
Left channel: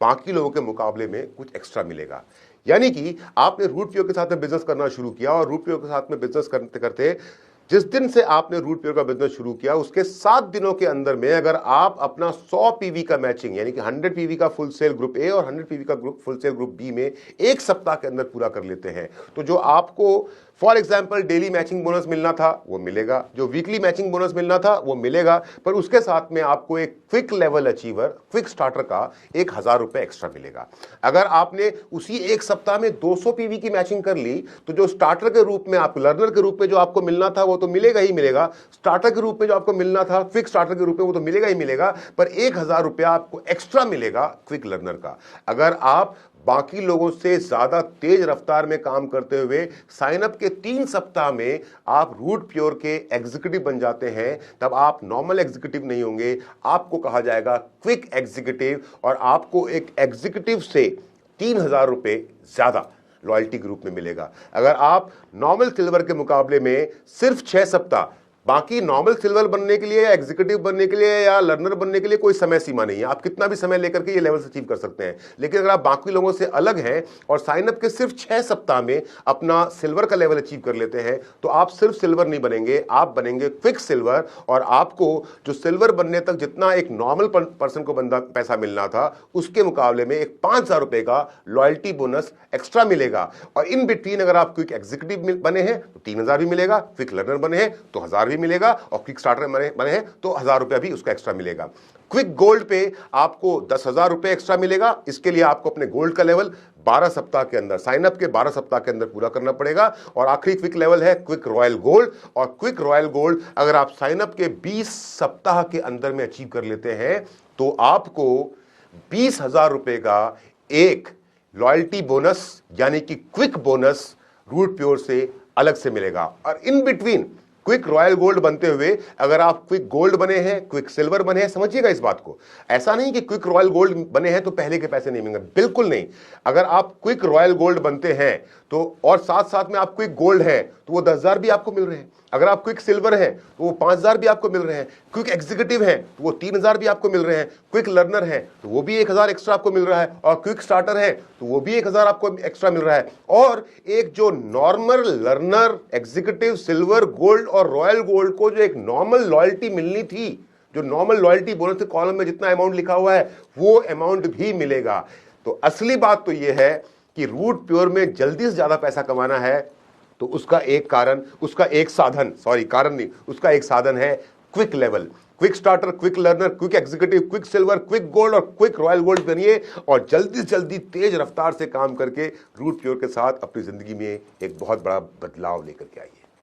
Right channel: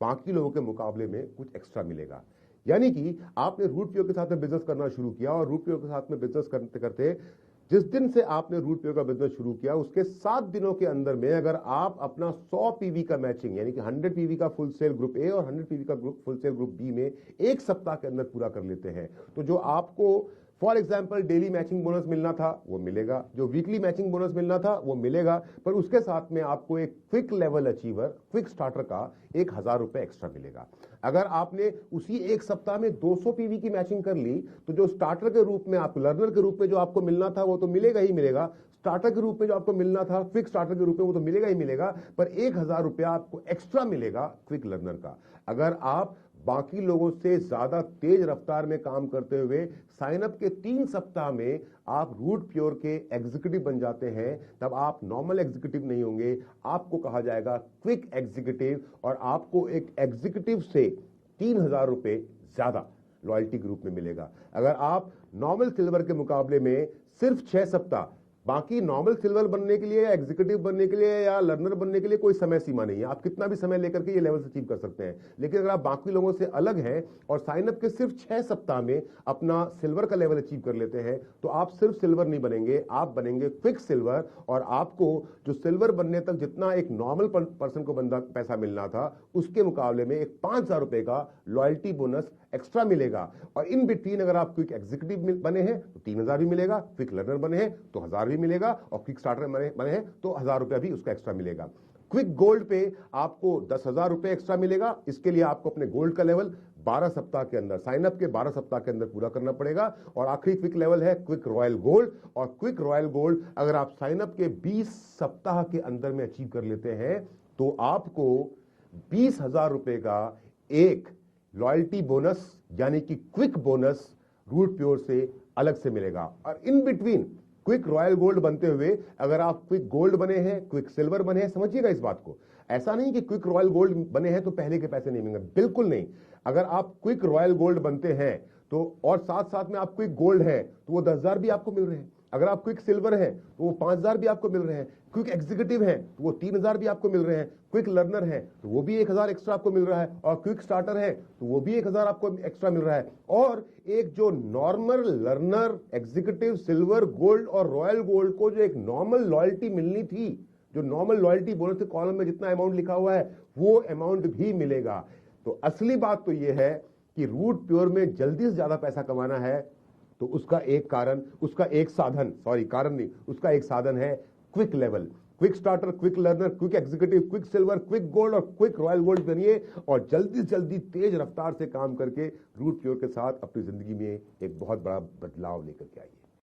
बाकी लोगों के मुकाबले में कुछ एक्स्ट्रा मिलेगा। यानी कि आपने रूट प्योर के साथ में बिजनेस करना शुरू किया और रूट प्योर के साथ में बिजनेस करते करते जिस दिन से आपने रूट प्योर का बिजनेस शुरू किया उसके 7 दिनों के अंदर में अगर आप अपना 100 पीवी का मैचिंग, यानी कि 100 पीवी का फुल सेल ग्रुप ए और 100 पीवी का फुल सेल ग्रुप बी में एक सप्ताह के अंदर पूरा कर लेते हैं, तो जो आपको for example daily matching bonus मिलना था वो मिलेगा, जो वीकली मैचिंग बोनस मिलना था वो मिलेगा, पर उसके साथ में आपको एक quick level achiever, quick starter का 1000 रुपए एक्स्ट्रा मिलेगा। अगर आपने उसी एक सप्ताह में 200 पीवी की मैचिंग कर ली तो जो स्टार्टर के रूप में, आप लर्नर के रूप में जो आपको मिलना था वो तो मिलेगा ही मिलेगा, स्टार्टर के रूप में जो आपको मिलना था क्विक स्टार्टर के रूप में वो तो मिलेगा ही मिलेगा, पर 1000 रुपया आपको एक्स्ट्रा मिलेगा क्विक लर्नर का। अगर आप बाकी लोगों से ज्यादा तेज रफ्तार में काम करते हुए साइन अप के 3 सप्ताह में आप रूट प्योर के एग्जीक्यूटिव बन जाते हैं, तब आप नॉर्मल एग्जीक्यूटिव नहीं होंगे, आपको कहा जाएगा क्विक एग्जीक्यूटिव और आपको एक एग्जीक्यूटिव से 3000 रुपए ज्यादा लॉयल्टी के रूप में मिलेगा। अगर आप नॉर्मल सिल्वर के मुकाबले में सिर्फ 6 सप्ताह, बाकी नॉर्मल सिल्वर बनने के लिए या एग्जीक्यूटिव बनने के लिए या लर्नर बनने के लिए कोई समय सीमा नहीं है, आप कितना भी समय लेकर के ये लेवल अचीव कर सकते हैं। लेकिन अगर आप बाकी लोगों से अलग हैं और साइन अप के सिर्फ 6 सप्ताह में अपना सिल्वर का लेवल अचीव कर लेते हैं तो आप सिर्फ सिल्वर नहीं बनेंगे, आप बनेंगे क्विक सिल्वर, और आपको जो सिल्वर बनने तक जितना एक नॉर्मल पर्सन को पैसा मिलना था उसके मुकाबले में एक 5000 रुपए का लॉयल्टी बोनस एक्स्ट्रा मिलेगा। और इन बिटवीन अगर आप क्विक एग्जीक्यूटिव बने हैं तो 3000 भी मिलेगा, क्विक लर्नर बने हैं तो 1000 मिलेगा और क्विक स्टार्टर बने हैं तो 1000 रुपया भी उसका एक्स्ट्रा मिलेगा। क्विक गोल्ड पे आपको 10,000 रुपए एक्स्ट्रा मिलेगा। इसके लिए आपको अपने गोल्ड का लेवल 12 सप्ताह के अंदर, साइन अप के 12 सप्ताह के अंदर पूरा करना पड़ेगा। और आखिरी क्विक लेवल है क्विक रॉयल गोल्ड, और क्विक रॉयल गोल्ड अगर आप साइन अप के 20 सप्ताह के अंदर में अचीव कर लेते हैं तो आपको 20,000 रुपए का एक लॉयल्टी बोनस यानी कि क्विक बोनस रूट प्योर से अलग से मिलेगा। और in between quick royal gold बनते हुए अगर आप क्विक गोल्ड बने हैं, क्विक सिल्वर बने हैं, समझिएगा इस बात को। ऐसा नहीं कि क्विक रॉयल गोल्ड बने हैं तो पहले के पैसे नहीं मिलेंगे, बिल्कुल नहीं। अगर आप क्विक रॉयल गोल्ड बनते हैं तो और साथ साथ में आप क्विक गोल्ड है तो वो 10,000 भी आपको मिल रहे हैं। अगर आप क्विक सिल्वर हैं तो वो 5,000 भी आपको मिल रहे हैं। क्विक एग्जीक्यूटिव हैं तो वो 3,000 भी आपको मिल रहे हैं। क्विक लर्नर हैं तो वो भी 1,000 एक्स्ट्रा आपको मिल रहा है। और क्विक स्टार्टर है तो वो भी 1,000 आपको एक्स्ट्रा मिल रहा है। और एक जो normal learner, executive, silver, gold और रॉयल गोल्ड को जो एक नॉर्मल लॉयल्टी मिलनी थी, जो नॉर्मल लॉयल्टी बोनस के कॉलम में जितना अमाउंट लिखा हुआ है वो अमाउंट भी मिलेगा। तो असली बात तो ये है कि रूट प्योर में जल्दी से ज्यादा पैसा कमाना है तो उसका एक कारण, उसका एक साधन, सॉरी कारण नहीं, उसका एक साधन है quick level. Quick starter, quick learner, quick executive, quick silver, quick gold और क्विक रॉयल गोल्ड बनिए और जल्दी से जल्दी तेज रफ्तार से काम करके रूट प्योर के साथ अपनी जिंदगी में एक बहुत बड़ा बदलाव लेकर के आइए।